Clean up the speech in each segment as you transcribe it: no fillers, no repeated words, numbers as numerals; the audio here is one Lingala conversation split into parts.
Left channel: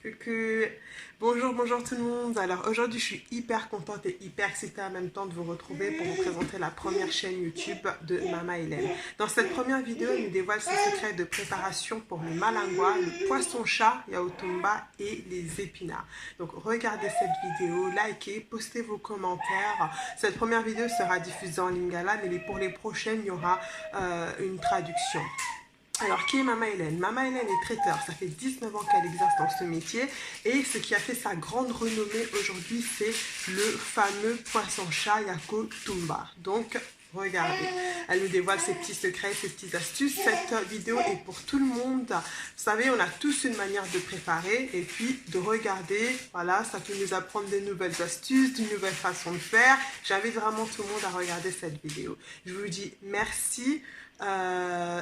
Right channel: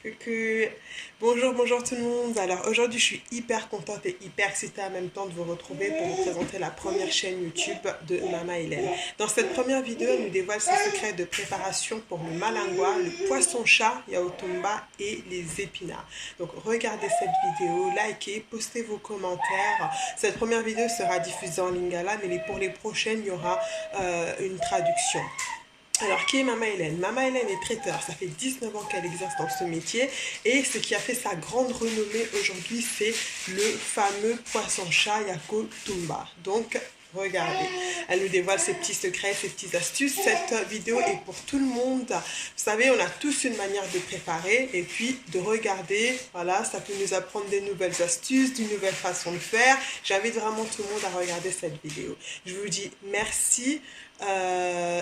Coucou, bonjour tout le monde. Alors aujourd'hui je suis hyper contente et hyper excitée en même temps de vous retrouver pour vous présenter la première chaîne YouTube de Mama Hélène. Dans cette première vidéo, elle nous dévoile ses secrets de préparation pour le malingua, le poisson-chat, yaotumba et les épinards. Donc regardez cette vidéo, likez, postez vos commentaires. Cette première vidéo sera diffusée en lingala, mais pour les prochaines, il y aura une traduction. Alors, qui est Mama Hélène? Mama Hélène est traiteur. Ça fait 19 ans qu'elle exerce dans ce métier. Et ce qui a fait sa grande renommée aujourd'hui, c'est le fameux poisson-chat Yako Tumba. Donc, regardez. Elle nous dévoile ses petits secrets, ses petites astuces. Cette vidéo est pour tout le monde. Vous savez, on a tous une manière de préparer. Et puis, de regarder, voilà, ça peut nous apprendre des nouvelles astuces, d'une nouvelle façon de faire. J'invite vraiment tout le monde à regarder cette vidéo. Je vous dis merci.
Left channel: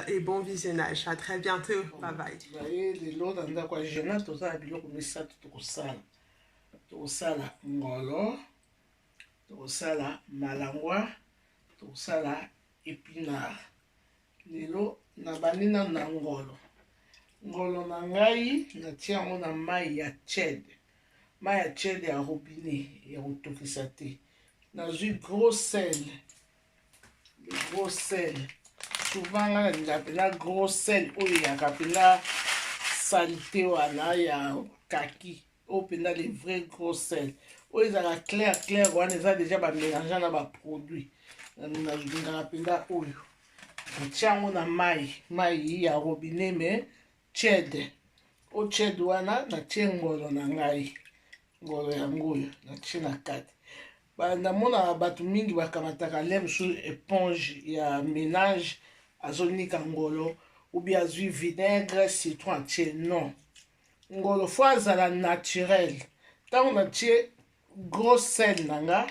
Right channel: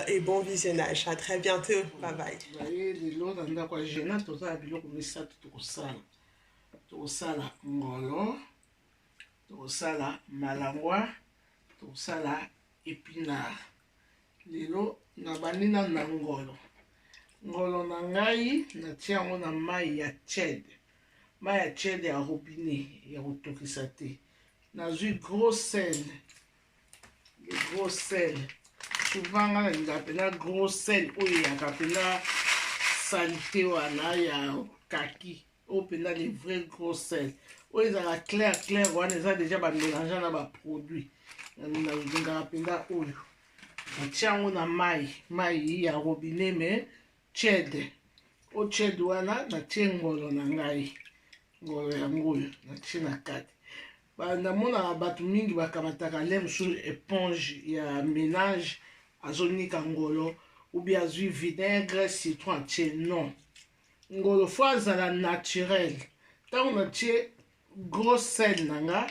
Et bon visionnage. À très bientôt. Bye bye. lelo na ndako ya jena toza na biloko misato tokosala ngolo, tokosala malangwa, tokosala épinard. Lelo nabandi na ngolo na ngai natia yango na mai ya chede ya robinet ya kotokisa te. Nazwi gros sel, souvent nga nalingaka mpenza gros sel oyo eyaka mpenza salite wana ya kaki oyo mpenza le vrai gros sel oyo ezalaka clair wana eza deja bamélange na baproduit. Nalingaka mpenza oyo natia yango na mai ya robinet me chede o chede wana natie ngolo na ngai, ngolo yango oyo natie na kati. Namonaka bato mingi bakamataka le mosusu éponge ya ménage azonika ngolo ou bien azwi vinaigre citron atie. Non, ngolo fo azala naturel. Ntango natie gros sel na nga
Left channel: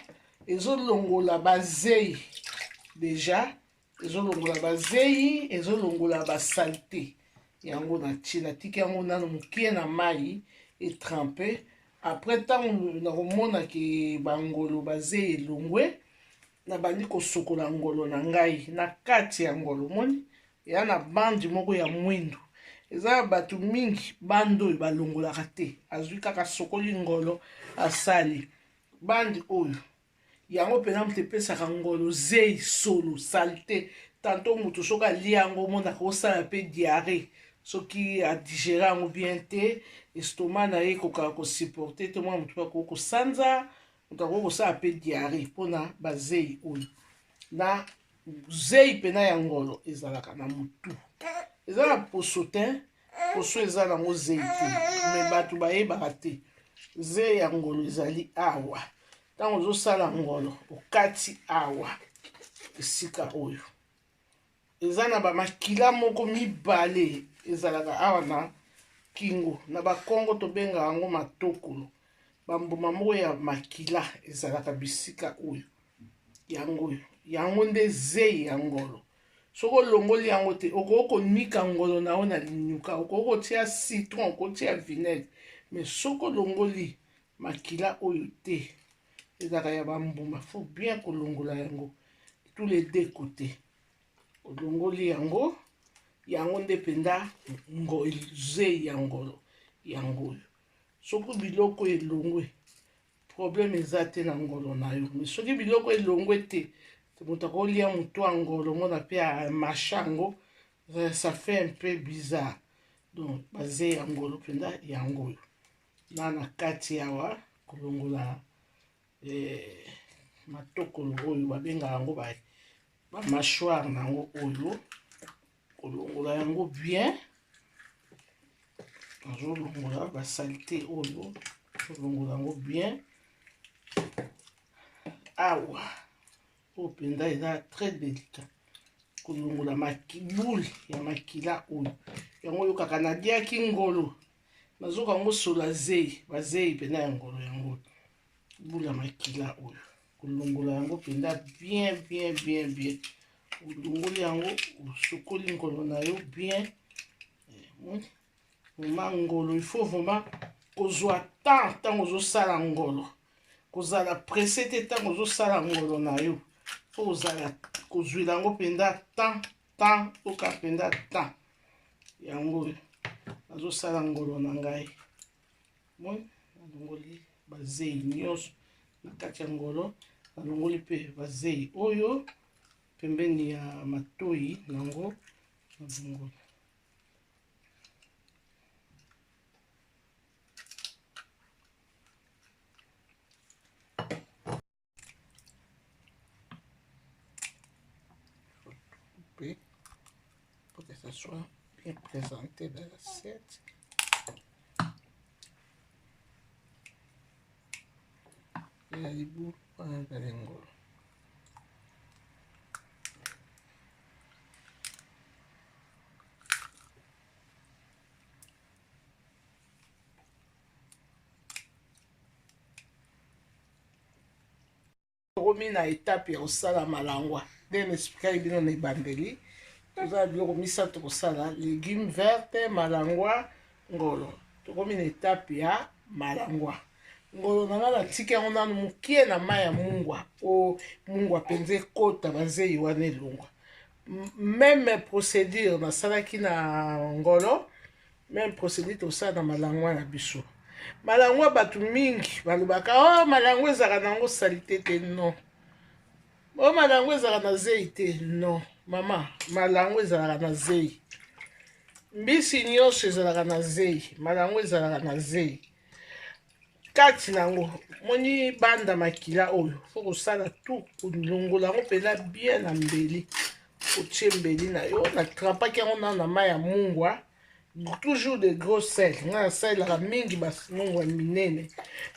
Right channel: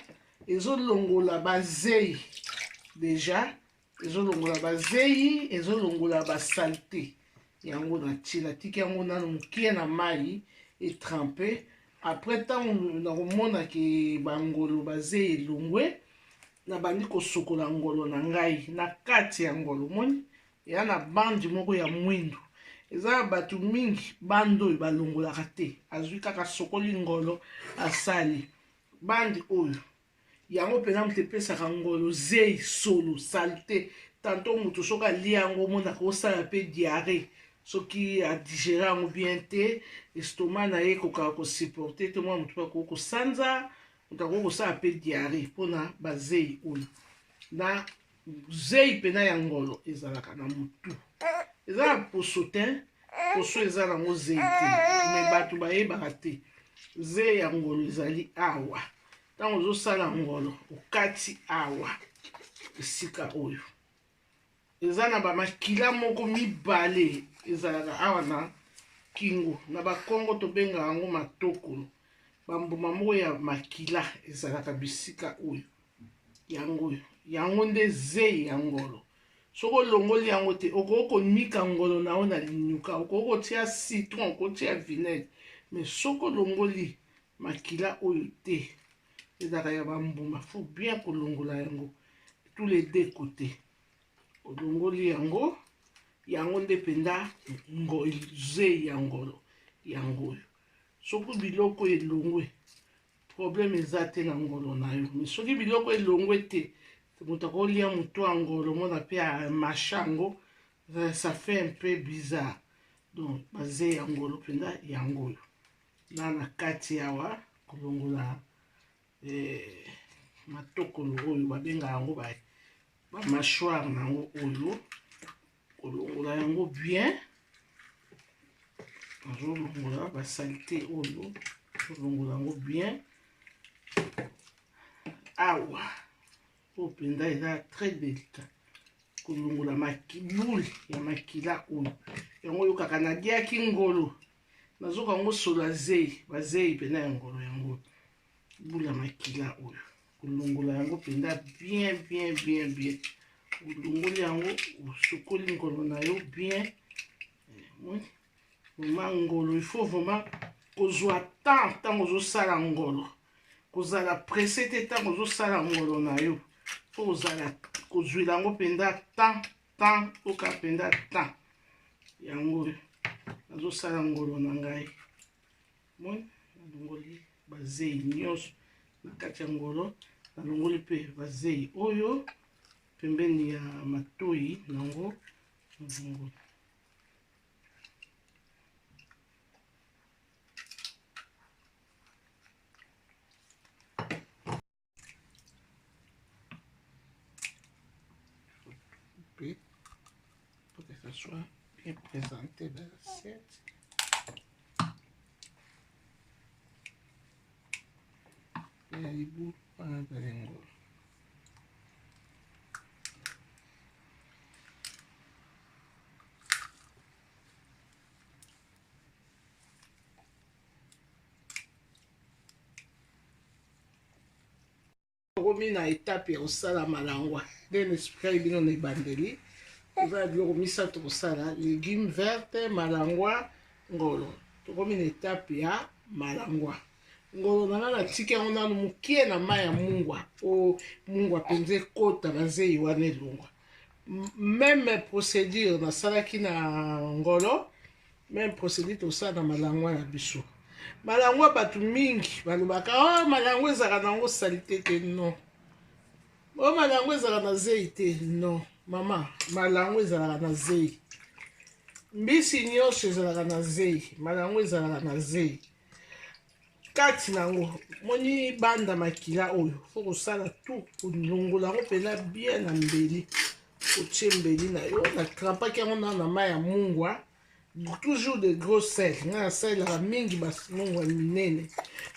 ezolongola bazei, deja ezolongola bazei, ezolongola basalite yango natie. Natiki yango nano mokie na mai etrempe. Après ntango nakomona ke bangolo bazei elongwe, nabandi kosokola ngolo na ngai na kati ya ngolo. Moni eya na bandi moko ya mwindu, eza na bato mingi bandi oyo balongolaka te, azwi kaka sokoli ngolo asali. Bandi oyo yango mpenza moto epesaka ngolo zei solo salite. Tanto moto soki alia yango omonaka osala mpe diare soki adigere yango bien te, estoma na ye ekokaka kosupporte te, mwana moto akoki kosanza, moto akoki kosala mpe diare mpona bazei oyo. Na zei mpena ya ngolo ezalaka na motu, eza na poso te, poso eza nango zei te, me bato bayebaka te. Zei ya ngolo ezali awa. Ntango ozosala ngolo okati awa esika oyo eza na bamakila moko mibale ezalaka awa na kingo. Na bakongo tobenga yango matokolo. Bambuma moko ya makila ezalaka bisika oyo yango nde zei ya ngolo. Soki olongoli yango te okoki konika ngolo na oyo na linyuka, okoki kotia citron, okotia vinaigre, mais soki olongoli makila oyo te ezalaka ya bambuma. Faut bien kolongola yango tous les deux côtés. Olongoli yango nde mpenza zei ya ngolo yango oyo. Soki biloko elongwe problème eza te na ngolo na yo, mais soki biloko elongwe te moto akolia moto ya ngolo mona mpe amasha yango, ça fait un peu bizarre. Donc bazei ya ngolo mpenza yango oyo na kati awa kolongola matokolo oyo babengaka yango bamâchoire na yango oyo, kolongola yango bien. Ozolongola basalite oyo, ozolongola yango bien awa oyo mpenza eza très délicat. Kolongola boule ya makila oyo yango oyo kaka naliaki ngolo nazoka yango sola zei, bazei mpena ya ngolo yango boule ya makila oyo. Kolongola yango mpenza bien. Olongoli yango osokoli ngolo na yo bien. Vraiment ngolo il faut vraiment kozwa temps ntango ozosala ngolo, kozala presse te ntango ozosala ngolo na yo. Fo kozala kozwela yango mpenza temps oka mpenza temps yango nazosala ngolo na ngai. moi nalongoli bazei nyonso na kati ya ngolo, nalongoli pe bazei oyo pembeni ya matoi nango nalongoli. Pour que ça soit bien présenté dans l'assiette. Et à l'ibou, on a de l'engol. Romi na étape ya osala malangwa. Nde expliquer bino na ebandeli. Oza biloko misato kosala légumes vertes, malangwa, ngolo. Tokomi na étape ya malangwa. Ngolo nanga natiki yango nanu mokie na mai ya mungwa po mungwa mpenza ekota bazei wana elongwa. Même procédure nasalaki na ngolo, même procédure tosala na malangwa na biso. Malangwa bato mingi balobaka oh malangwa ezalaka nango salite te. Non. Oh malangwa ezalaka na zei te. Non. Mama, malangwa ezalaka na zei. Mbisi nyonso ezalaka na zei. Malangwa ezalaka na zei. Kati nango moni banda makila oyo fo kosala tout kolongola yango mpena bien na mbeli, otie mbeli na yo na trampaki yango na mai ya mungwa, toujours de gros sel. Nga nasalelaka mingi bamungwa minene,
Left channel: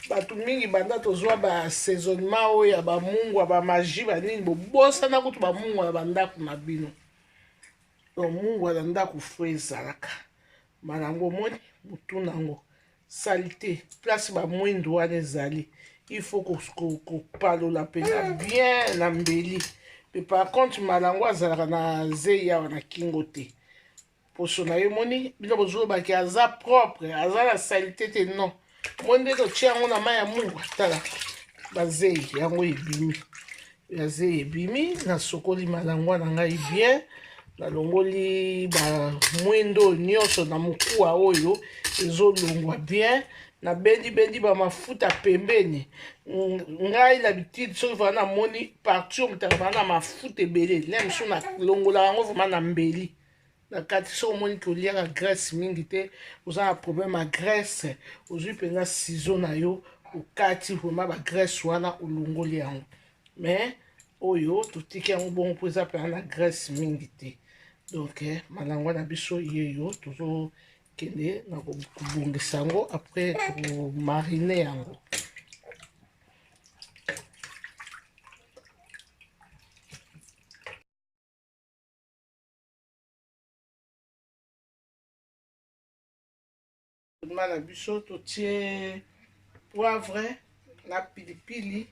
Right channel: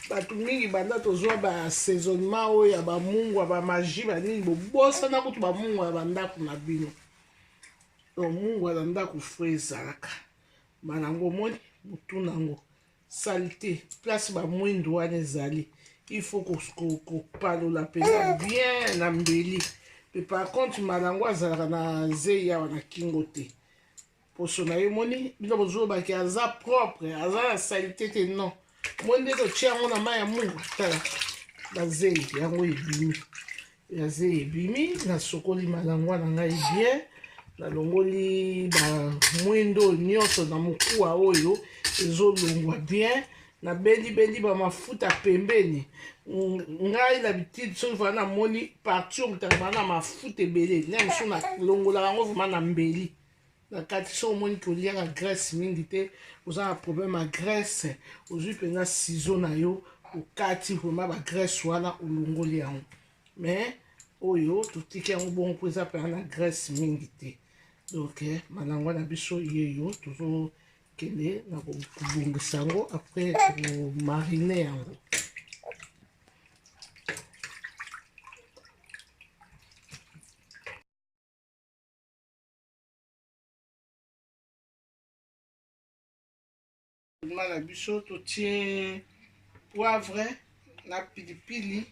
bato mingi banda tozwa baassaisonnement oyo ya bamungwa bamagie banini bobosana kutu bamungwa ya bandako na bino. Donc mungwa na ndako fo ezalaka malango moni butu nango salite place ba mwindo wana ezali, il faut kopalola mpena bien na mbeli. Mais par contre malango azalaka na zei yawa na kingo te, poso na ye moni bino bozolobaki aza propre aza na salite te. Non, moni nde totie yango na mai ya mungu. Tala bazei yango ebimi, ya zei ebimi. Nasokoli malango na ngai bien, nalongoli bamwindo nyonso na mokuwa oyo ezolongwa bien, nabendi bamafuta pembeni. Ngai l'habitude soki vana namoni partout mutaka vana na mafuta ebele ne mosu nalongola yango vraiment na mbeli na kati. Soki omoni koliaka graisse mingi te, oza na problème ya graisse, ozwi mpenza ciseau na yo okati vraiment bagraisse wana olongoli yango. Mais oyo totiki yango bongo mpo eza mpena na graisse mingi te. Donc malangwa na biso yeyo tozokende na kobongisa yango, après tomarine yango. Na biso totie poivre na pilipili,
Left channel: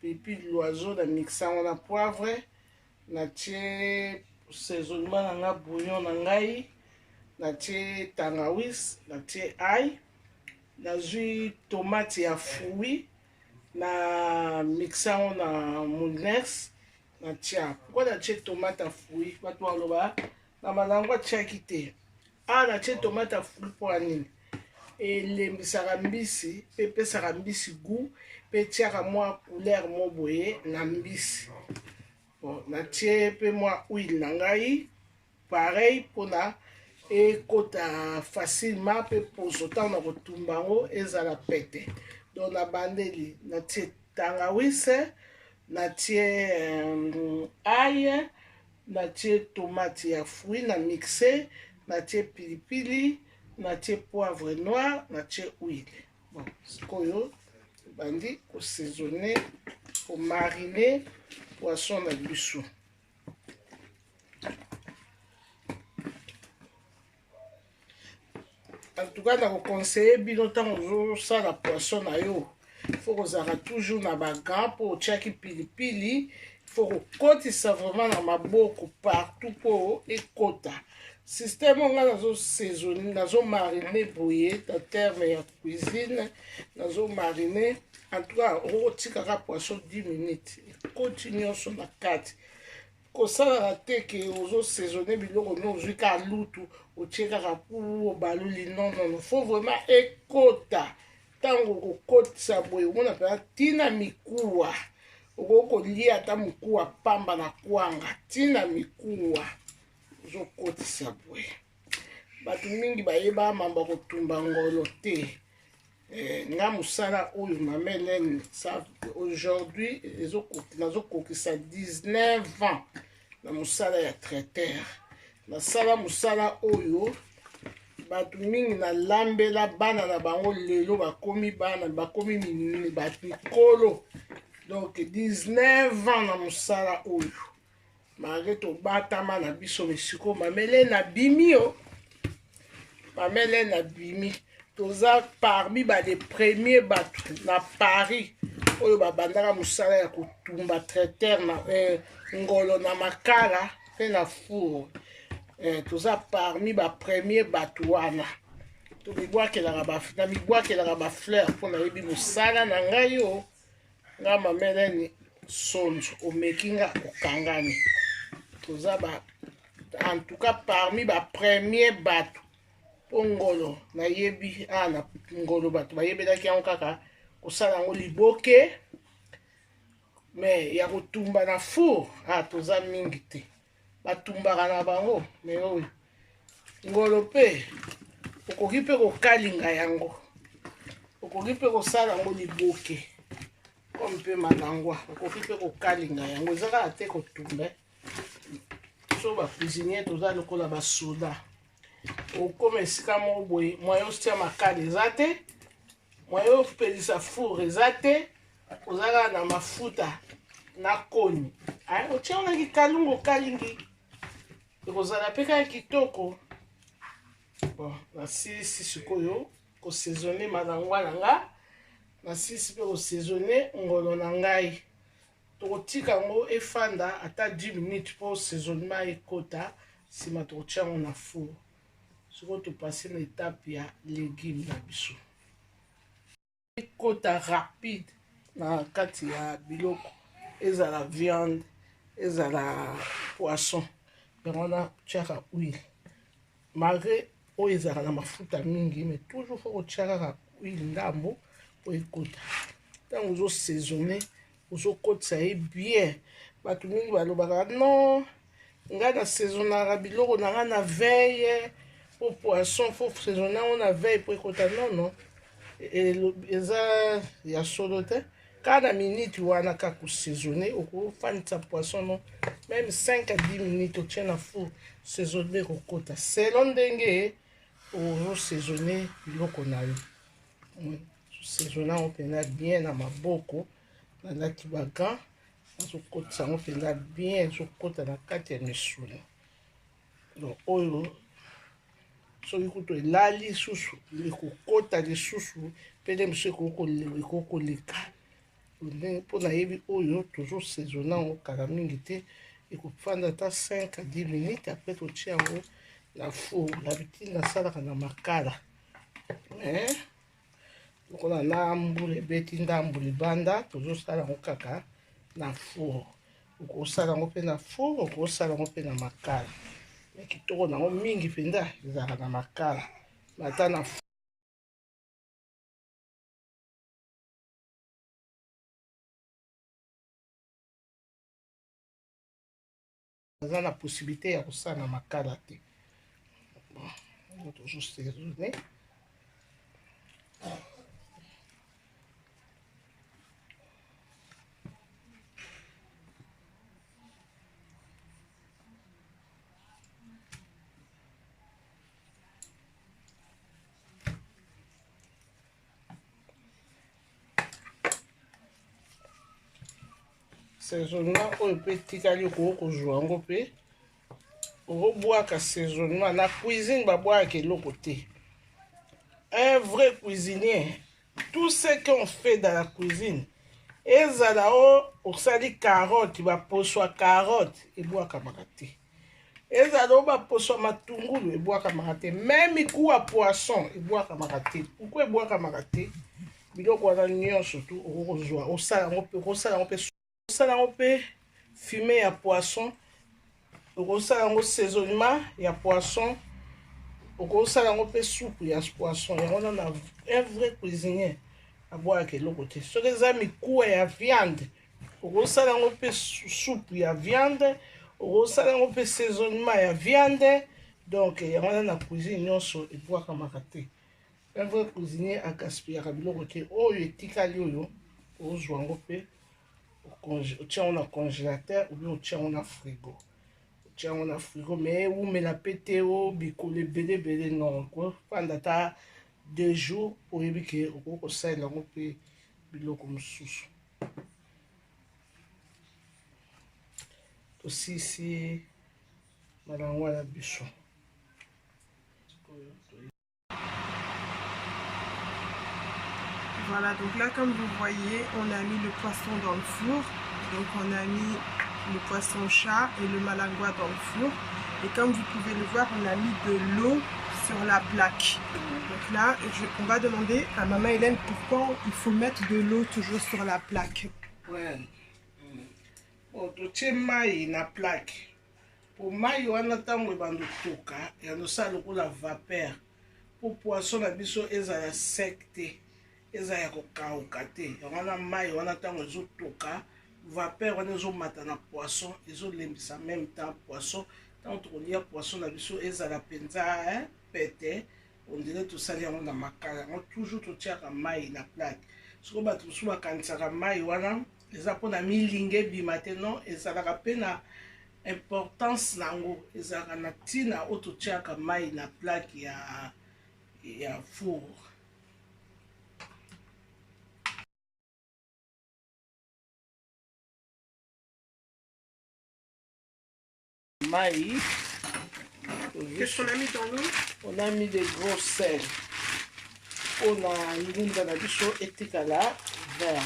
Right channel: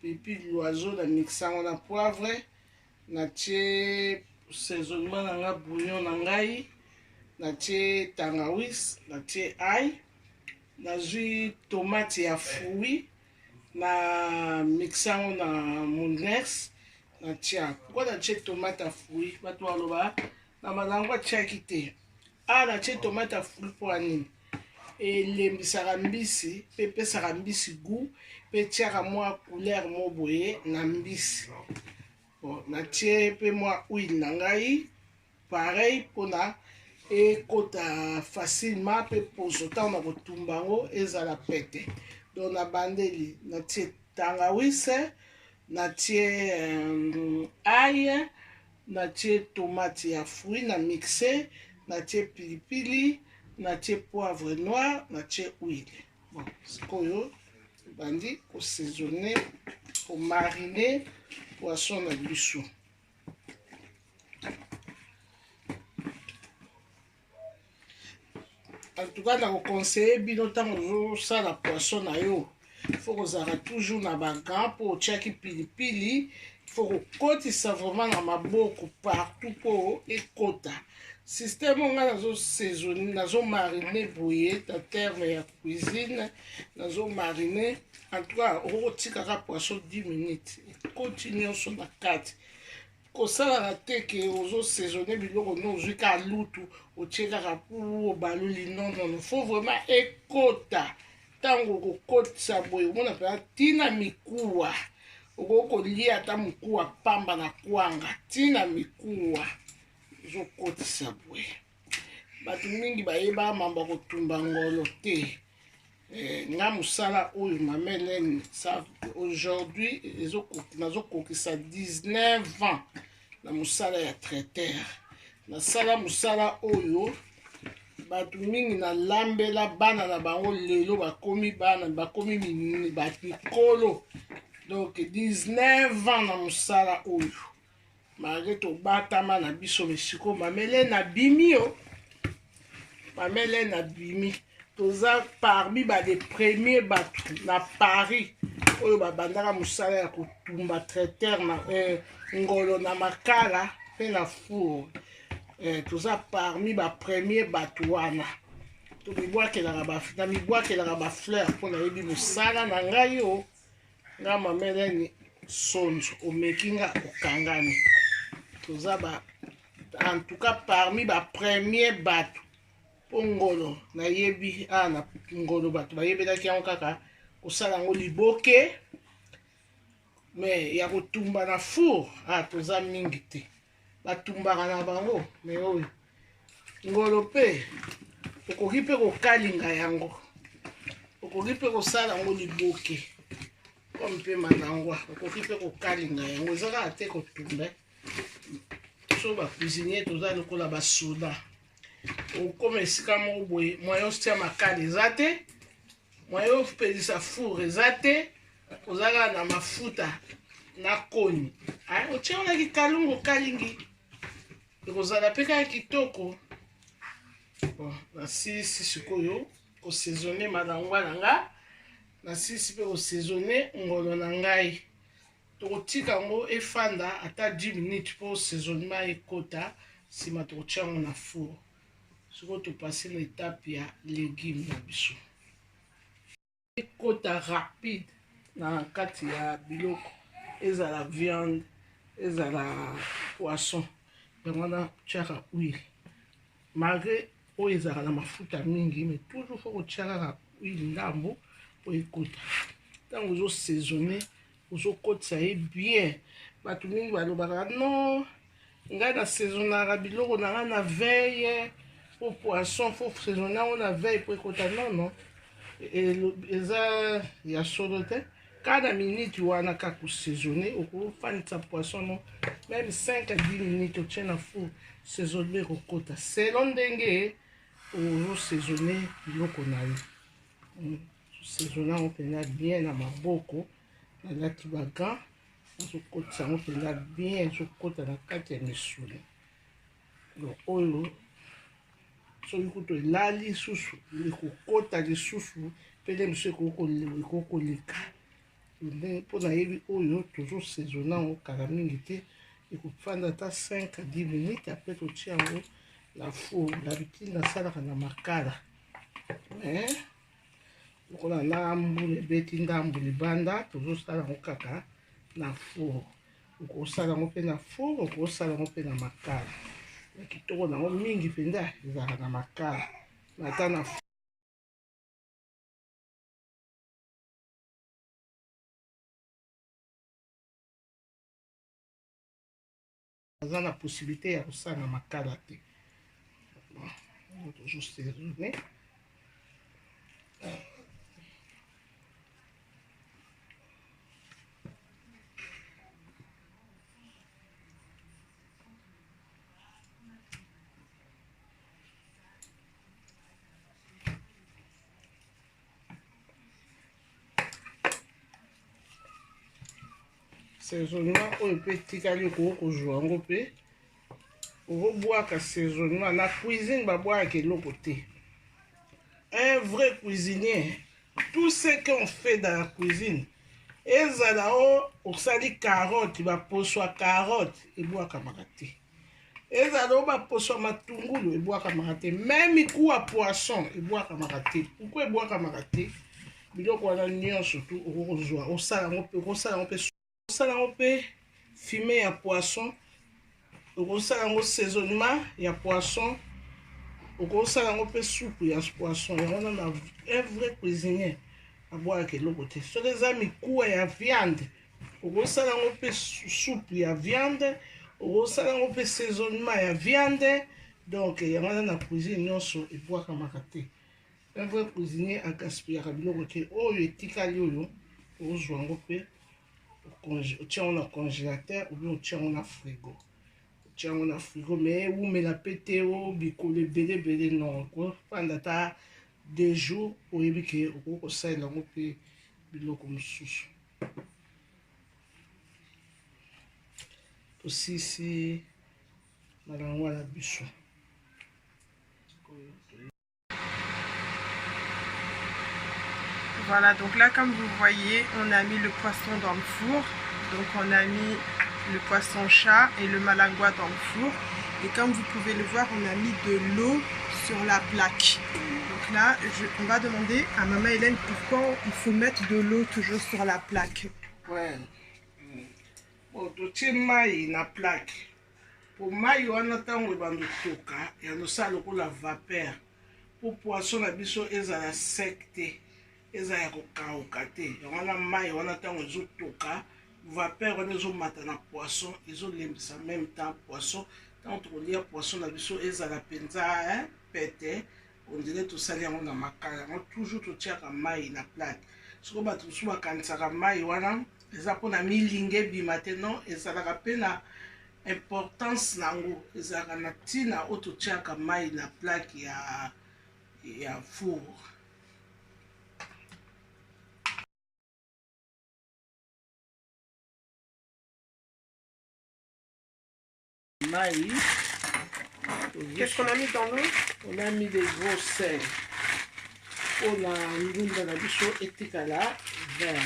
pilipili loiseau na mixa yango na poivre, natie assaisonnement na nga bouillon na ngai, natie tangawizi, natie ail, nazwi tomate ya fruit na mixa yango na mounex natie. Pourquoi natie tomate ya fruit? Bato baloba na malango atiaki te. Natie tomate ya fruit mpo anini? Elembisaka mbisi mpe epesaka mbisi goût mpe etiaka mwa couleur mo boye na mbisi. Bon, natie mpe mwa huile na ngai pareil mpona ekota facilement mpe poso ntango na kotumba yango ezala pete. Donc na bandeli natie tangawizi, natie ail, natie tomate ya fruit na mixe, natie pilipili, natie poivre noir, natie huile. Bon, sikoyo bandi kosaisonner, komariner poisson na biso. En tout cas, na conseiller bino ntango ozosala poisson na yo, faut kozala toujours na bagant mpo otiaki pilipili, faut kokotisa vraiment na maboko partout mpo ekota. Système on a nazo-saisonner, nazo-mariner boye en terme ya cuisine, nazo-mariner. En tout cas, on tikaka poisson 10 minutes. Continue sur la carte. kosala te ke ozo saisonner biloko no ozwi ka lutu otie kaka pu obaluli non faut vraiment ekota ntango okokotisa boye omona mpenza ntina mikuwa okoki kolia ata mokuwa pamba na kwanga ntina mikuwa ozokotisa boye bato mingi bayeba mamba kotumba ngolo te nga mosala oyo Mama Hélène aujourd'hui nazokokisa 19 ans na mosala ya traiteur nasala mosala oyo bato mingi nalambela bana na bango lelo bakomi bana bakomi mikolo donc 19 ans na mosala oyo malgré tobatama na biso misiko Mama Hélène abimi yo Mama Hélène abimi toza parmi les premiers bato na Paris oyo babandaka mosala ya kotumba traiteur na ngolo na makala pe na four toza parmi premier bato wana mibwakelaka bafleur mpo nayebi mosala na ngai yo nga Mama Hélène sonzo omeki nga okangani toza en tout cas parmi premier bato po ngolo nayebi na ngolo bato bayebelaki yango kaka kosala yango liboke me ya kotumba na four toza mingi te batumbaka na bango lelo oyo ngolo mpe okoki mpe kokalinga yango okoki mpe kosala yango liboke oyo mpe manangwa okoki mpe kokalinga yango eza kaka te kotumba so bacuisinier toza lokola basoda okoma esika moko boye mwayo otia makala eza te mwayo opelisa four eza te ozalaka na mafuta na koni otia onaki kalungu okalingi ekozala mpe kaka kitoko nasilisi sikoyo kosaisonne manangwa na nga nasilisi mpe kosaisonne ngolo na ngai tokotika yango efanda ata 10 minutes mpo saisonnement ekota nsima tokotia yango na four sikoyo topase na etape ya légume na biso ekota rapide na kati ya biloko ezala viande ezala poisson yango wana tiaka huile malgré oyo ezalaka na mafuta mingi mais toujours fo kotia kaka huile ndambo po ekota ntango ozosaisonne ozokotisa ye bien bato mingi balobaka non ngai nasaisonnaka biloko na ngai na veille po poisson fo saisonne yango na veille po ekota nono eza ya solo te kaka na minute wana kaka kosaisonne okofandisa poisson no même 5 à 10 minutes otie na four saisonne ekokota selon ndenge ozosaisonne biloko na yo saisonne yango mpenza bien na maboko nalati bagan azokotisa yango mpenza bien ezokota na kati ya misuni oyo soki kutu elali lisusu ekokota lisusu pele mosu ekokoleka mpo nayebi oyo tozosaisonne yango kala mingi te ekofanda ata 5 à 10 minutes apres totia yango na four dabitide nasalaka na makala lokola na mbula ebeti ndambu libanda tozosala yango kaka na four okosala yango mpe na four okosala yango mpe na makala ya kitoko nango mingi mpenza ezalaka na makala ata na aza na possibilité ya kosala na makala te tozosaisonne saisonnement oyo mpe tikali okoki kozwa yango mpe okobwaka saisonnement na cuisine babwaka eloko te un vrai cuisinier tout ce qu'on fait dans la cuisine ezala osali carotte baposo ya carotte ebwakamaka te ezala baposo ya matungulu ebwakamaka te même miku ya poisson ebwakamaka te pourkui ebwakamaka te biloko wana nyonso tu okozwa osala yango mpe fume ya poisson okosala yango saisonnement ya poisson, okosala yango mpe soupe ya poisson. Yango na un vrai cuisinier abwaka eloko te. Soki eza mikuwa ya viande, okosala yango mpe soupe ya viande, okosala yango mpe saisonnement ya viande. Donc yango na cuisine nyonso ebwakamaka te. Un vrai cuisinier agaspillaka biloko te. Oyo etikali oyo ozwa yango mpe otia yango na congélateur ou bien otia yango na frigo. Otia yango na frigo mais ewumela mpe te bikolo ebele non. Okofanda ata 2 jours oyebi ke okoki kosalela yango mpe biloko mosusu. Tosisi malango na biso. Voilà, donc là, comme vous voyez, on a mis le poisson dans le four. Donc on a mis le poisson chat et le malangua dans le four. Et comme vous pouvez le voir, on a mis de l'eau sur la plaque. Donc là, on va demander à Maman Hélène pourquoi il faut mettre de l'eau toujours sur la plaque. Ouais. Bon, tu mai na plaque. Pour mai, on attend le bandeau toka et on sait le coup la vapeur. Pour poisson, la biso ezala secte. Eza ya kokauka te. Wana mai wana ntango ezotoka vapeur wana ezomata na poisson ezolembisa même temps poisson. Ntango tokolia poisson na biso ezala mpenza pete on dirait tosali yango na makala. Yango toujours totiaka mai na plaque. Soko bato mosusu bakanisaka mai wana eza mpona milinga ebima te. Non, ezalaka mpe na importance nango, ezalaka na ntina oyo totiaka mai na plaque ya four. Qu'est-ce qu'on a mis dans l'eau? On a mis des gros sels. On a mis dans la bicho etikala vert.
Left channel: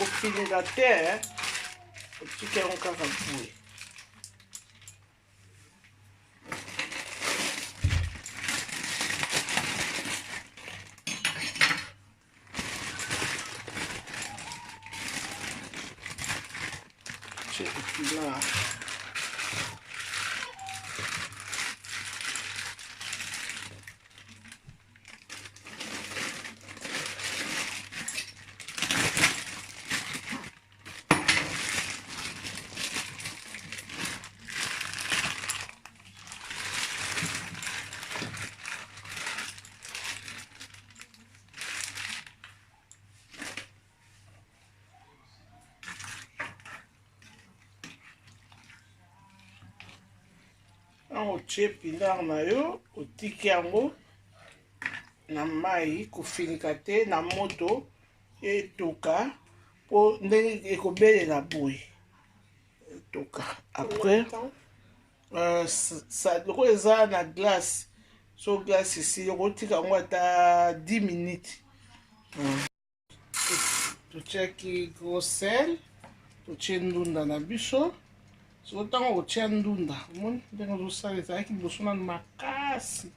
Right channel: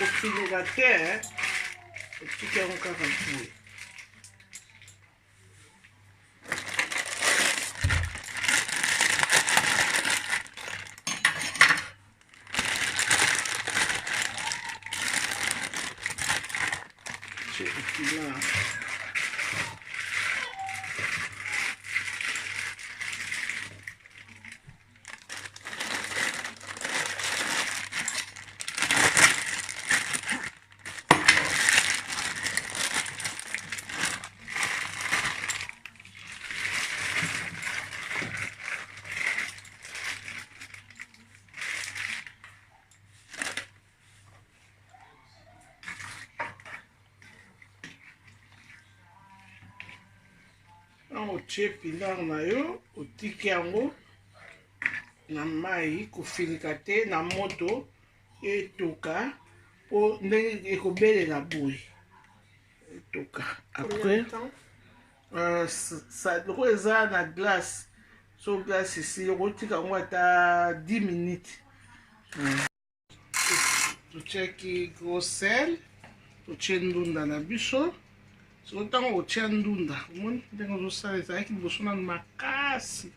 Au fil de la terre, au petit que l'on casse. Otie pilar na yo otiki yango na mai kofilika te na moto etoka po ndenge ekobelela boye etoka. Après loko eza na glace, so glace esi okotika yango ata 10 minutes. Totiaki gros sel, totie ndunda na biso. So ntango otia ndunda omoni ndenge ozosala ezalaki liboso nanu makasi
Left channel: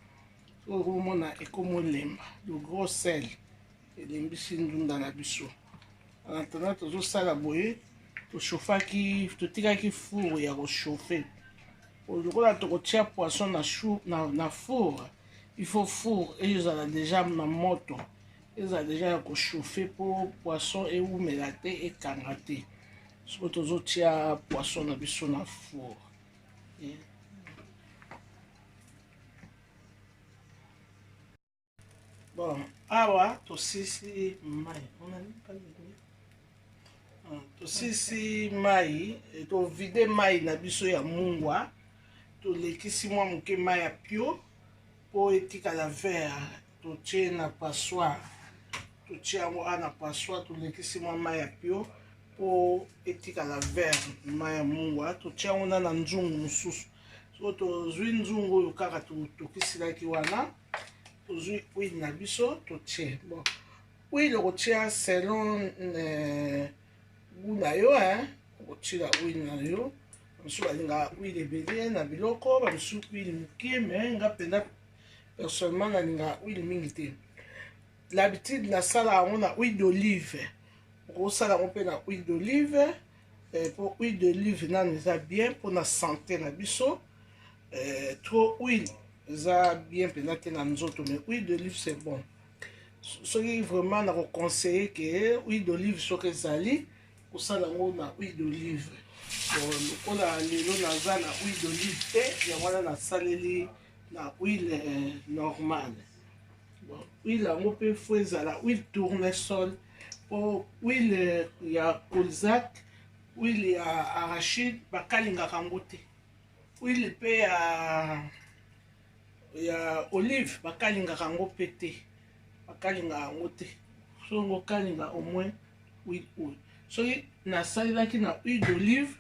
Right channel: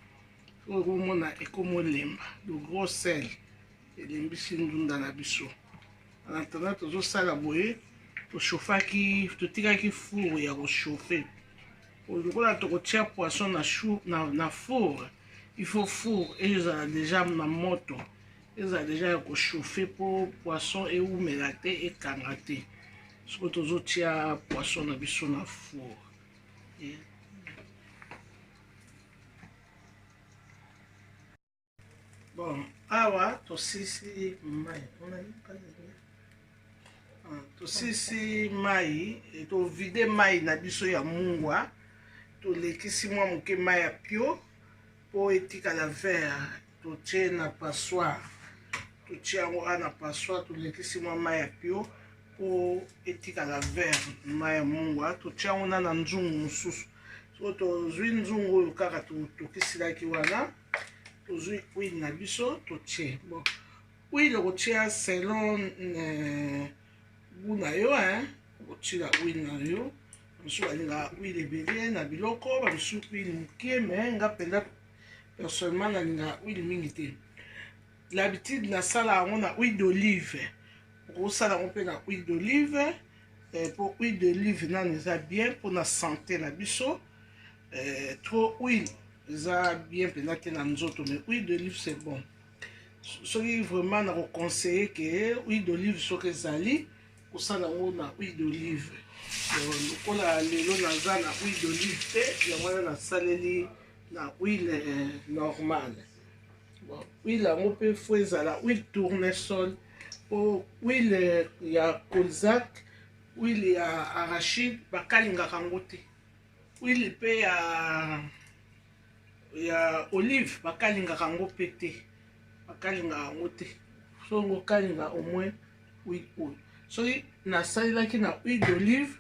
oyo okomona ekomolemba. Le gros sel elembisi ndunda na biso. En attendant tozosala boye totikaki four ya kochauffe. Lokola tokotia poisson na four, il faut four ezala déjà na moto, ezala déjà ya kochauffe po poisson eumela te ekanga te. Soki tozotia poisson na biso na four. Bon, awa tosisi mai. Tosisi mai, tovide mai na biso ya mungwa. Tolekisi mwa moke mai ya pio po etikala vert. Totie na passoire. Totie yango na passoire, tolekisi mwa mai ya pio po etikala vert mai ya mungwa. Totie yango na nzungu mosusu. So tozwi nzungu oyo kaka tokisilaki wana. Tozwi huile na biso totie. Bon, huile okotia selon goût na yo, okotia huile na yo. Bamosusu balingaka huile ebele na biloko, bamosusu huile moke, mais nga mpenza personnellement nalingaka huile mingi te. l'habitude nasala yango na huile d'olive okosala yango mpe na huile d'olive po huile d'olive nano eza bien mpona santé na biso trop huile eza bien mpenza te na nzoto mais huile d'olive c'est bon soki vraiment nakoconseille ke huile d'olive soki ezali kosala yango na huile d'olive lokola lelo naza na huile d'olive te yango wana nasaleli na huile normale huile yango mpe fo ezala huile tournesol po huile ya colzac huile ya arachide bakalingaka yango te huile mpe ya olive bakalingaka yango mpe te bakalingaka yango te soki okalinga au moins huile oyo soki nasalelaki na huile d'olive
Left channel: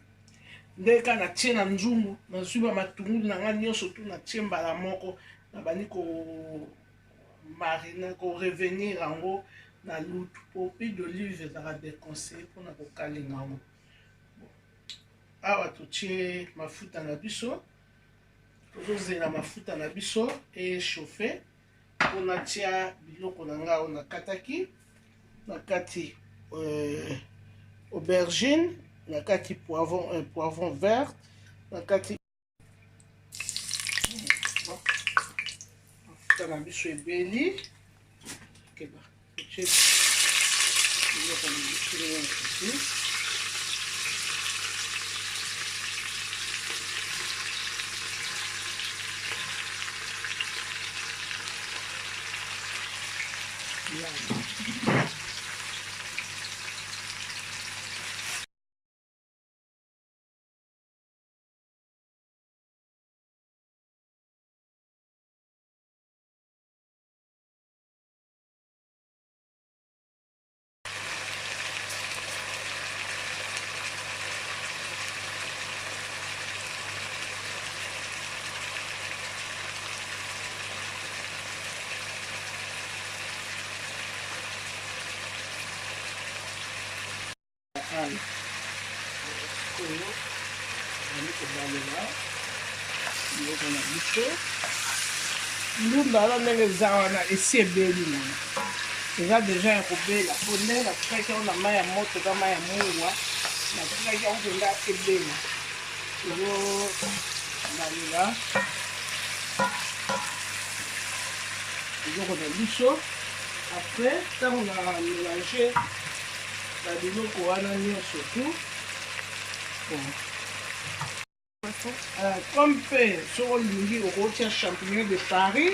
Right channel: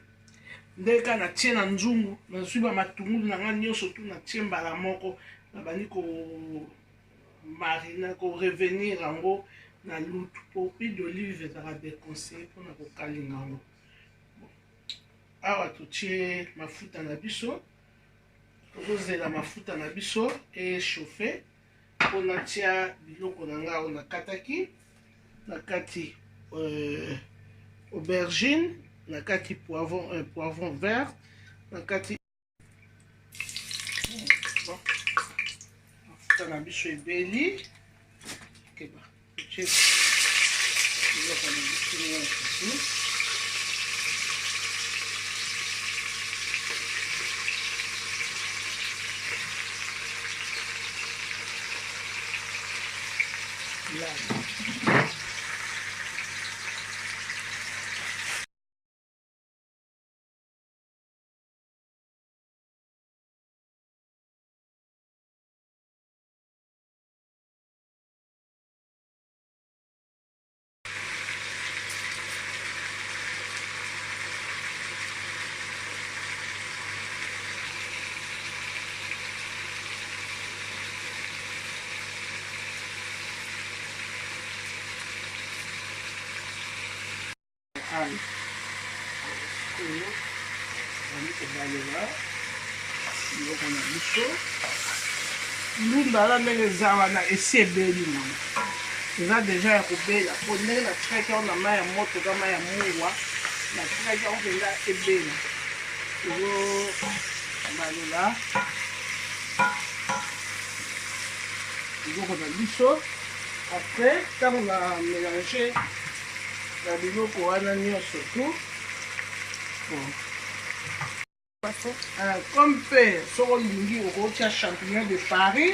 ndenge kaka natie na nzungu nazwi bamatungulu na nga nyonso tu natie mbala moko nabandi komarina korevenir yango na lutu po huile d'olive ezalaka déconseillé mpona kokalinga yango awa totie mafuta na biso tozozela mafuta na biso echauffe mpo natia biloko na nga oyo nakataki na kati aubergine na kati poivron vert na kati mafuta na biso ebeli keba totie biloko na biso nyonso ail oyo ezali kobalela biloko na biso ndunda wana ndenge eza wana esi ebeli nano eza deja ya kobela po ndenge natikaki yango na mai ya moto ka mai ya mungwa natikaki yango mpenza ebela ezobalela biloko na biso après ntango na mélange na biloko wana nyonso tu comme mpe soki olingi okotia champignon de Paris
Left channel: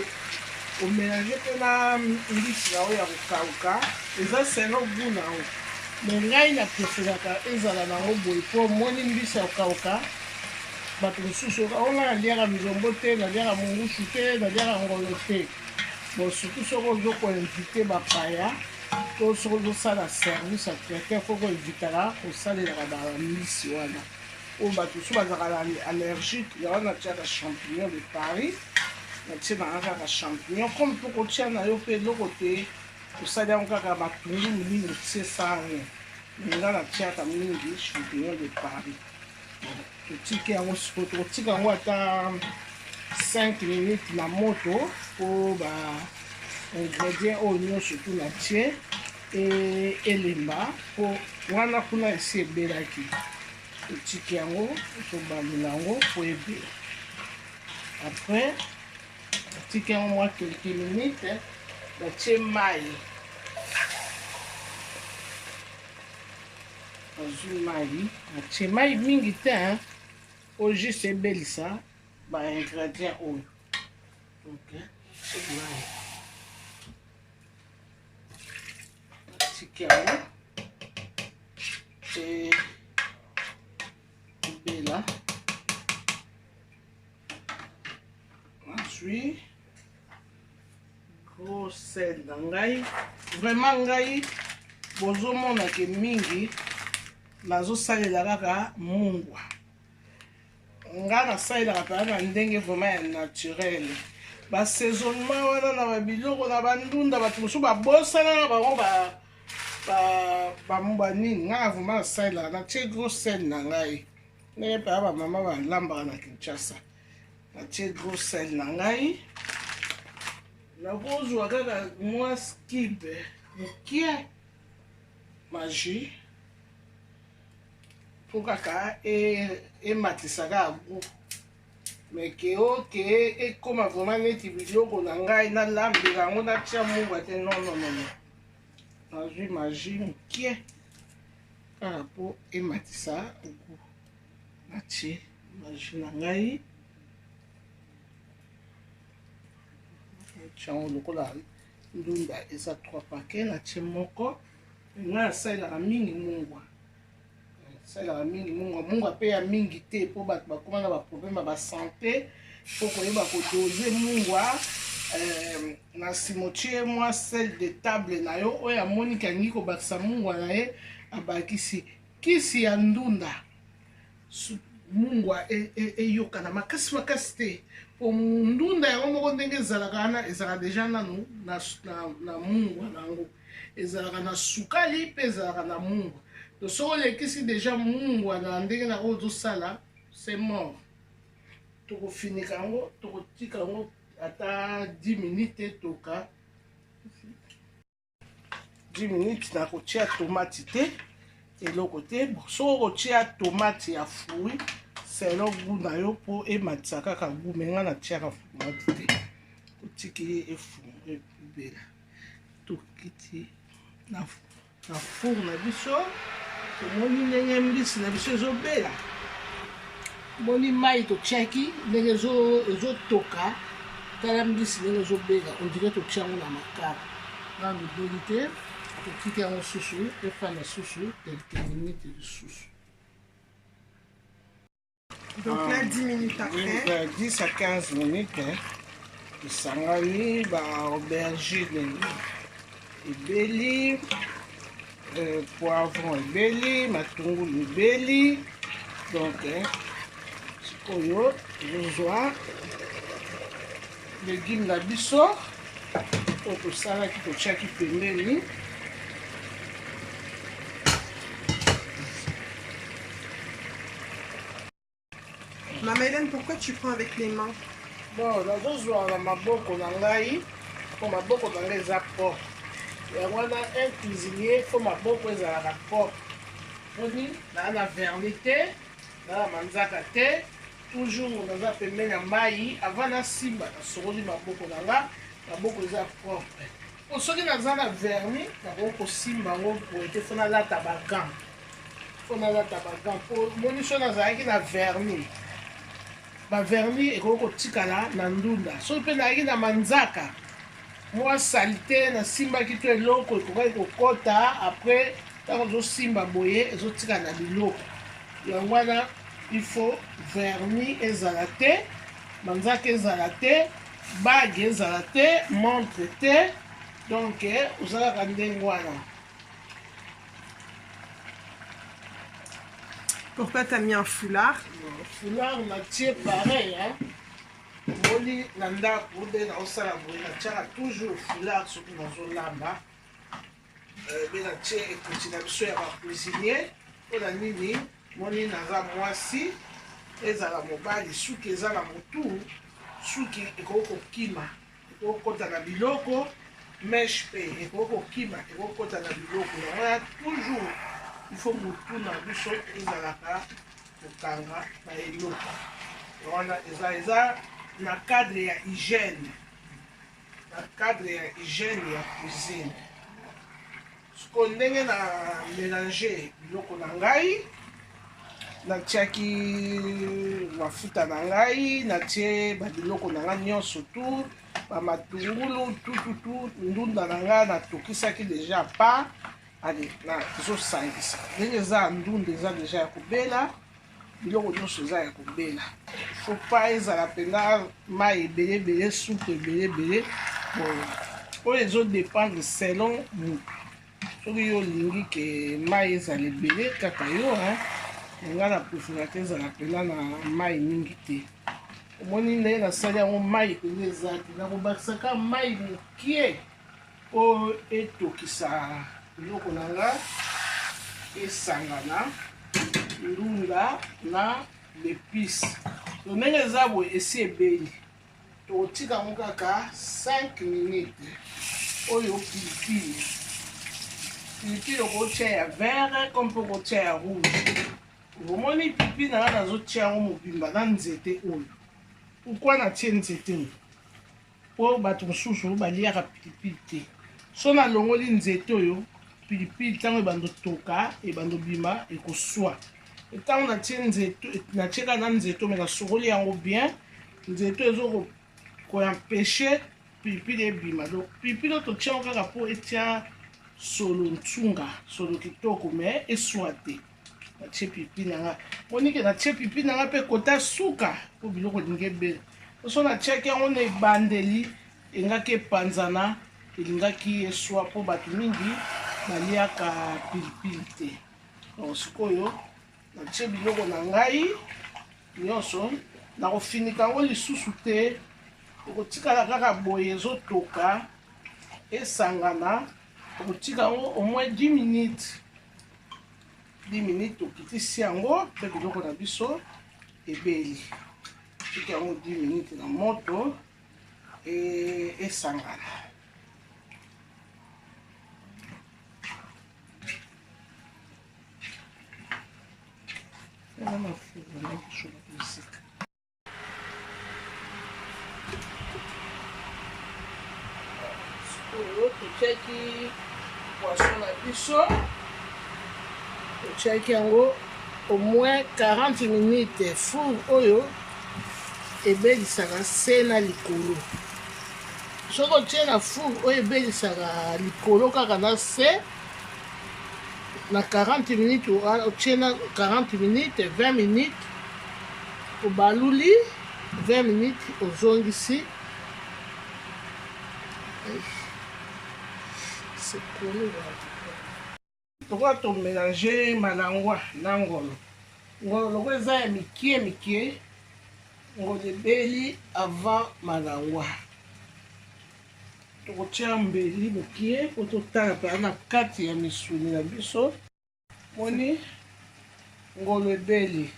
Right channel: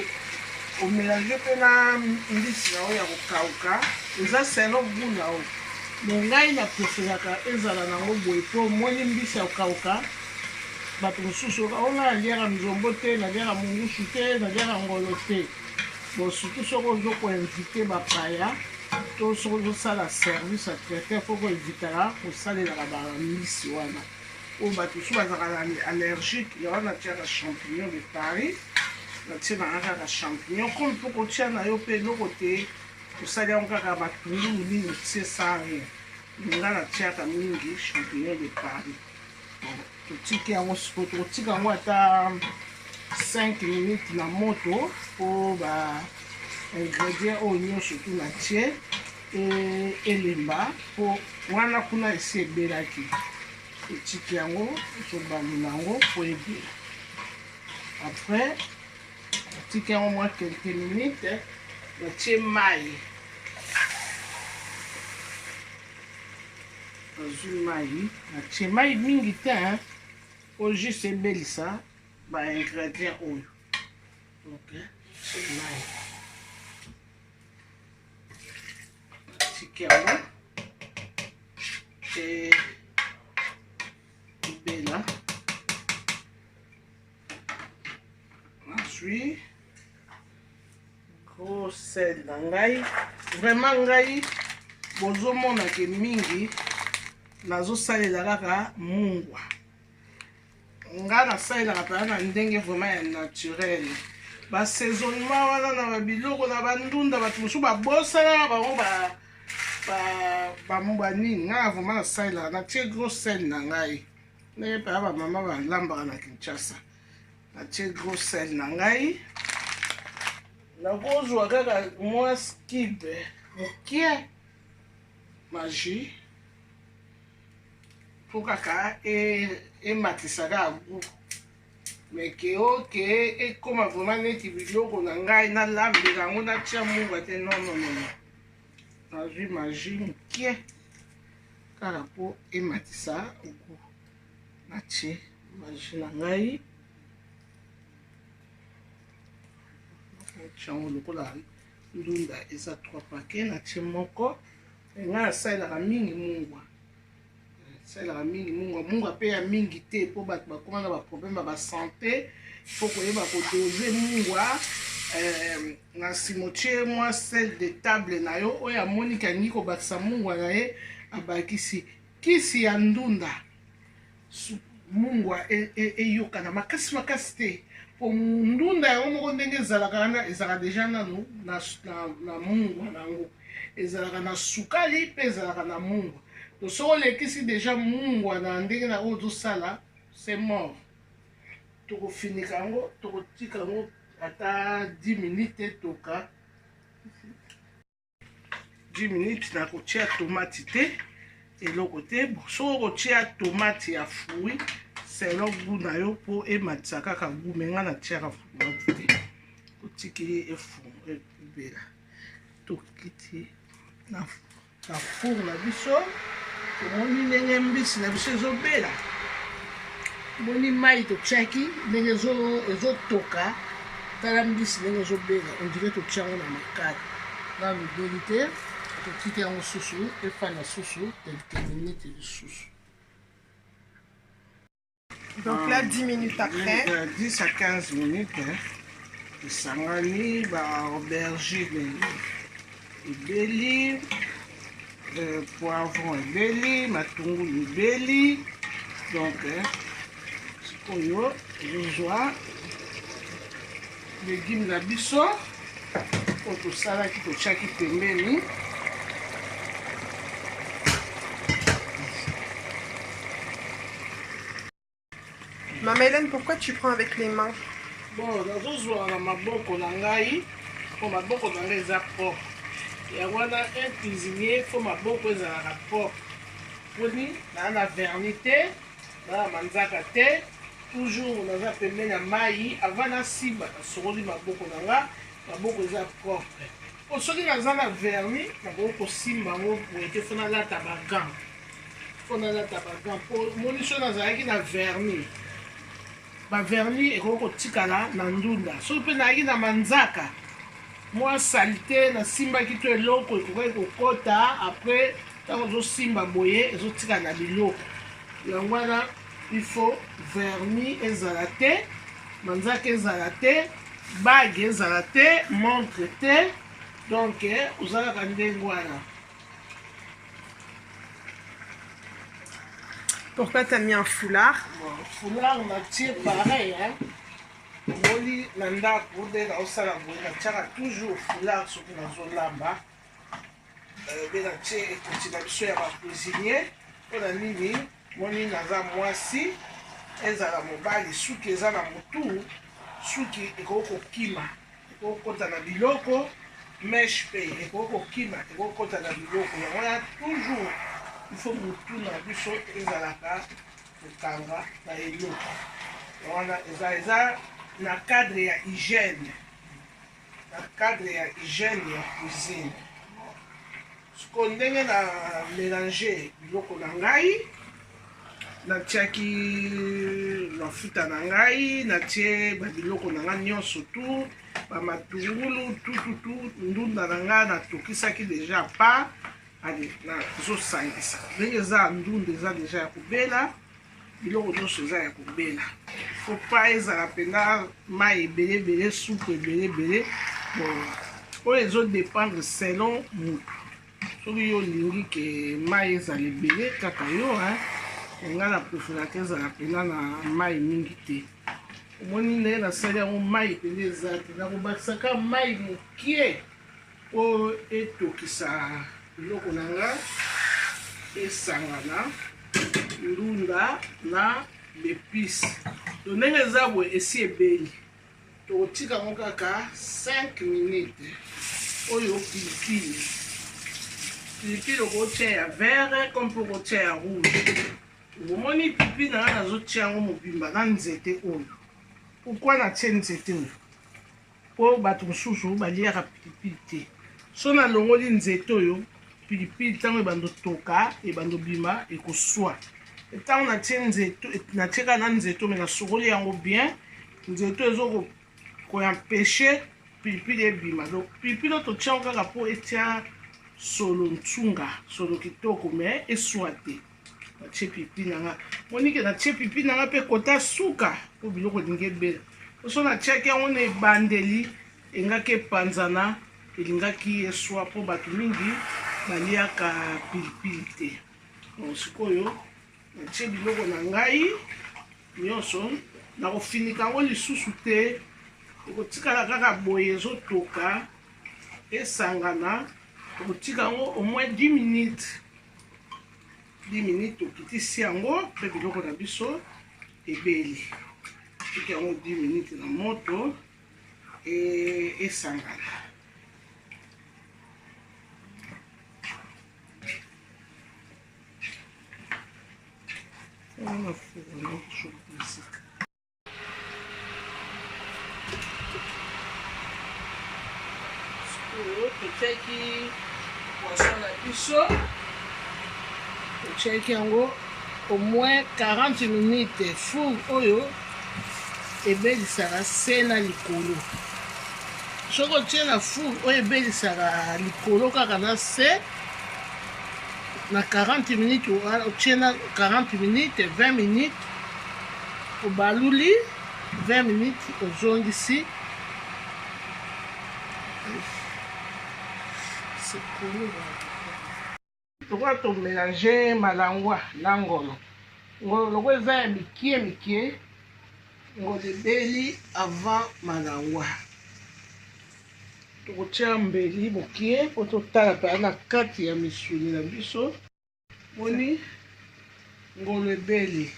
omélange mpe na mbisi na oyo ya kokauka eza selo goût na oyo me ngai napreferaka ezala nango boye mpo omoni mbisi ya kokauka bato mosusu onga naliaka nzombo te naliaka mongusu te naliaka ngolo te bon surtout soki ozokoinvite bapaya to soki ozosala service ya traiteur fo koevitaka kosalelaka bambisi wana oyo bato mosusu bazalaka na allergique yango natiaka champignon de Paris natie nanga kaka champignon comme mpo kotia na yo mpe eloko te osali yango kaka matungulu mingi otie sango nga natiaka mingi champignon de Paris totiki yango siko tokotika yango ata 5 minutes na moto po ba ingrédient oyo nyonso tu natie elemba po wana kuna esi ebelaki totiki yango tobamela yango po ebela après totiki yango mwa quelques minutes natie mai azwi mai natie mai mingi te po juste ebelisa ba ingrédient oyo mai tiki yango ebela azwi gros sel na ngai vraiment ngai bozomona ke mingi nazosalela kaka mungwa nga nasalelaka mpena na ndenge vraiment ya naturel basaisonnement wana na babiloko na bandunda bato mosusu babosanaka bango bamungwa nini nga vraiment nasalelaka natie gros sel na ngai ndenge mpena bamama balambaka na Kinshasa natie gros sel na ngai nakozwa kaka mwa skibe mokie magie mpo kaka ematisaka agu me ke oke ekoma vraiment neti biloko na ngai nalambela yango natia mungwa te nononono nazwi magie mokie kaka mpo ematisa agu natie magie na ngai chango lokola ndunda eza 3 paquet natie moko ngai asalelaka mingi mungwa asalelaka mingi mungwa mpe ya mingi te mpo bato bakoma na baproblème ya basante mpo koyeba kodoze mungwa na nsima otie mwa sel de table na yo oyo amoni kangi kobakisa mungwa na ye abakisi kisi ya ndunda mungwa eyokana makasi makasi te po ndunda yango moko ndenge ezalaka wana ezalaka deja nanu na mungwa nango ezalaka na sukali mpe ezalaka na mungwa to soki olekisi deja mungwa na ndenge na oyo ozosala c'est mort tokofinika yango tokotika yango ata 10 minutes toka 10 minutes na kotia tomate te eloko te soki okotia tomate ya fruit selo goût na yo mpo ematisa kaka goût me nga natiaka tomate te kotiki ye ebela tokiti na four na biso tomoni ndenge mbisi na biso ezobela moni mai totiaki ndenge ezotoka tala mbisi ndenge ezobela ondire totiango na makala na mibeli te totiki yango susu efanda susu quelques minutes lisusu. Donc là, 10 minutes après. 10 à 15 minutes, esangani ba aubergine ebeli, poivron ebeli, matungulu ebeli. Donc, sikoyo tozozwa légume na biso oyo tosalaki totiaki pembeni. Maman Hélène, pourquoi tu prends avec les mains? Bon, nazozwa na maboko na ngai po maboko na ngai eza propre. Yango wana un cuisinier fo maboko ezalaka propre. Poni naa na vernis te, naa na manzaka te, toujours naza pembeni ya mai avant nasimba nasokoli maboko na nga, maboko eza propre. Po soki naza na vernis nakoki kosimba yango boye te fo nalata bagant. Fo nalata bagant po moni so nazalaki na vernis. Bavernis ekoki kotikala na ndunda soki mpe nayaki na manzaka mwa salite nasimbaki to eloko ekokaki kokota apres ntango ozosimba boye ezotikala na biloko yango wana ifo vernis ezala te manzaka ezala te bage ezala te montre te donc ozalaka ndenge wana. Pourquoi tu as mis un foulard? Foulard natie pareil hein. Moli na ndako nde naosala boye natiaka toujours foulard soki nazolamba mpe natie ekoti na biso ya bacuisinier mpo na nini moni naza mwasi ezala mobali suki eza na motu suki ekoki kokima ekoki kokota na biloko meshe mpe ekoki kokima ekoki kokota na biloko yango ya toujours ifo motu na biso ezalaka kokanga na eloko wana eza na cadre ya hygiène ya cuisine siko ndenge na mélanger biloko na ngai natiaki mafuta na ngai natie babiloko na ngai nyonso tu bamatungulu tututu ndunda na ngai natokisaki deja pa ale tozosangisa ndenge eza ndunda eza deja ya kobela biloko nyonso eza ya kobela fo pa ezala mpenza mai ebelebele supu ebelebele bon oyo ezodépendre selon motu soki yo olingi ke mai ezala ebele kaka yo nga na préférate ezala mpenza na mai mingi te omoni ndenge nasali yango mai mpenza eza te nakobakisaka mai mokie oyo etokisa biloko na nga esangana ndunda na l'épice to ndenge eza boye esi ebeli tokotika yango kaka 5 minutes. Oyo pilipili okotia ya vert comme mpo kotia ya rouge. Omoni pilipili na nga nazotia yango mobimba na nzete oyo. Pourquoi natie nzete oyo? Po bato mosusu baliaka pilipili te. So nalongoli nzete oyo pilipili ntango ebando toka ebando bima ekoswa. Ntango natieka na nzete oyo me nasokoli yango bien, nzete oyo ezokoempêche pilipili ebima. Donc pilipili oyo totia yango kaka mpo etia solo ntsunga, solo kitoko me eswa te. Natie pilipili na nga. Monike natie pilipili na nga mpe kota suka mpo biloko elingi ebele. So natiaki yango na ebandeli engaki epanzana elingaki eswa mpo bato mingi baliaka pilipili te. Donc sikoyo natie biloko na ngai nyonso nakofinika yango lisusu te, okotikala kaka boye ezotoka esangana, okotika yango au moins 10 minutes. 10 minutes okitisi yango mpe biloko na biso ebeli. Tiki yango 10 minutes na moto esangana. Totiaki poisson na biso, totiaki yango au moins 40 minutes. Four oyo ebelisaka se na likolo. Soki otie na four oyo ebelisaka likolo kaka na se, na 40 minutes otie na 40 minutes 20 minutes obaluli, 20 minutes ozongisi. Tokoka tomélange malangwa na ngolo. Ngolo loko eza ya mikie mikie, ngolo ebeli avant malangwa. Tokotia mbeli mokie po totala mpe na kati ya misuni na biso. Moni ngolo ebeli.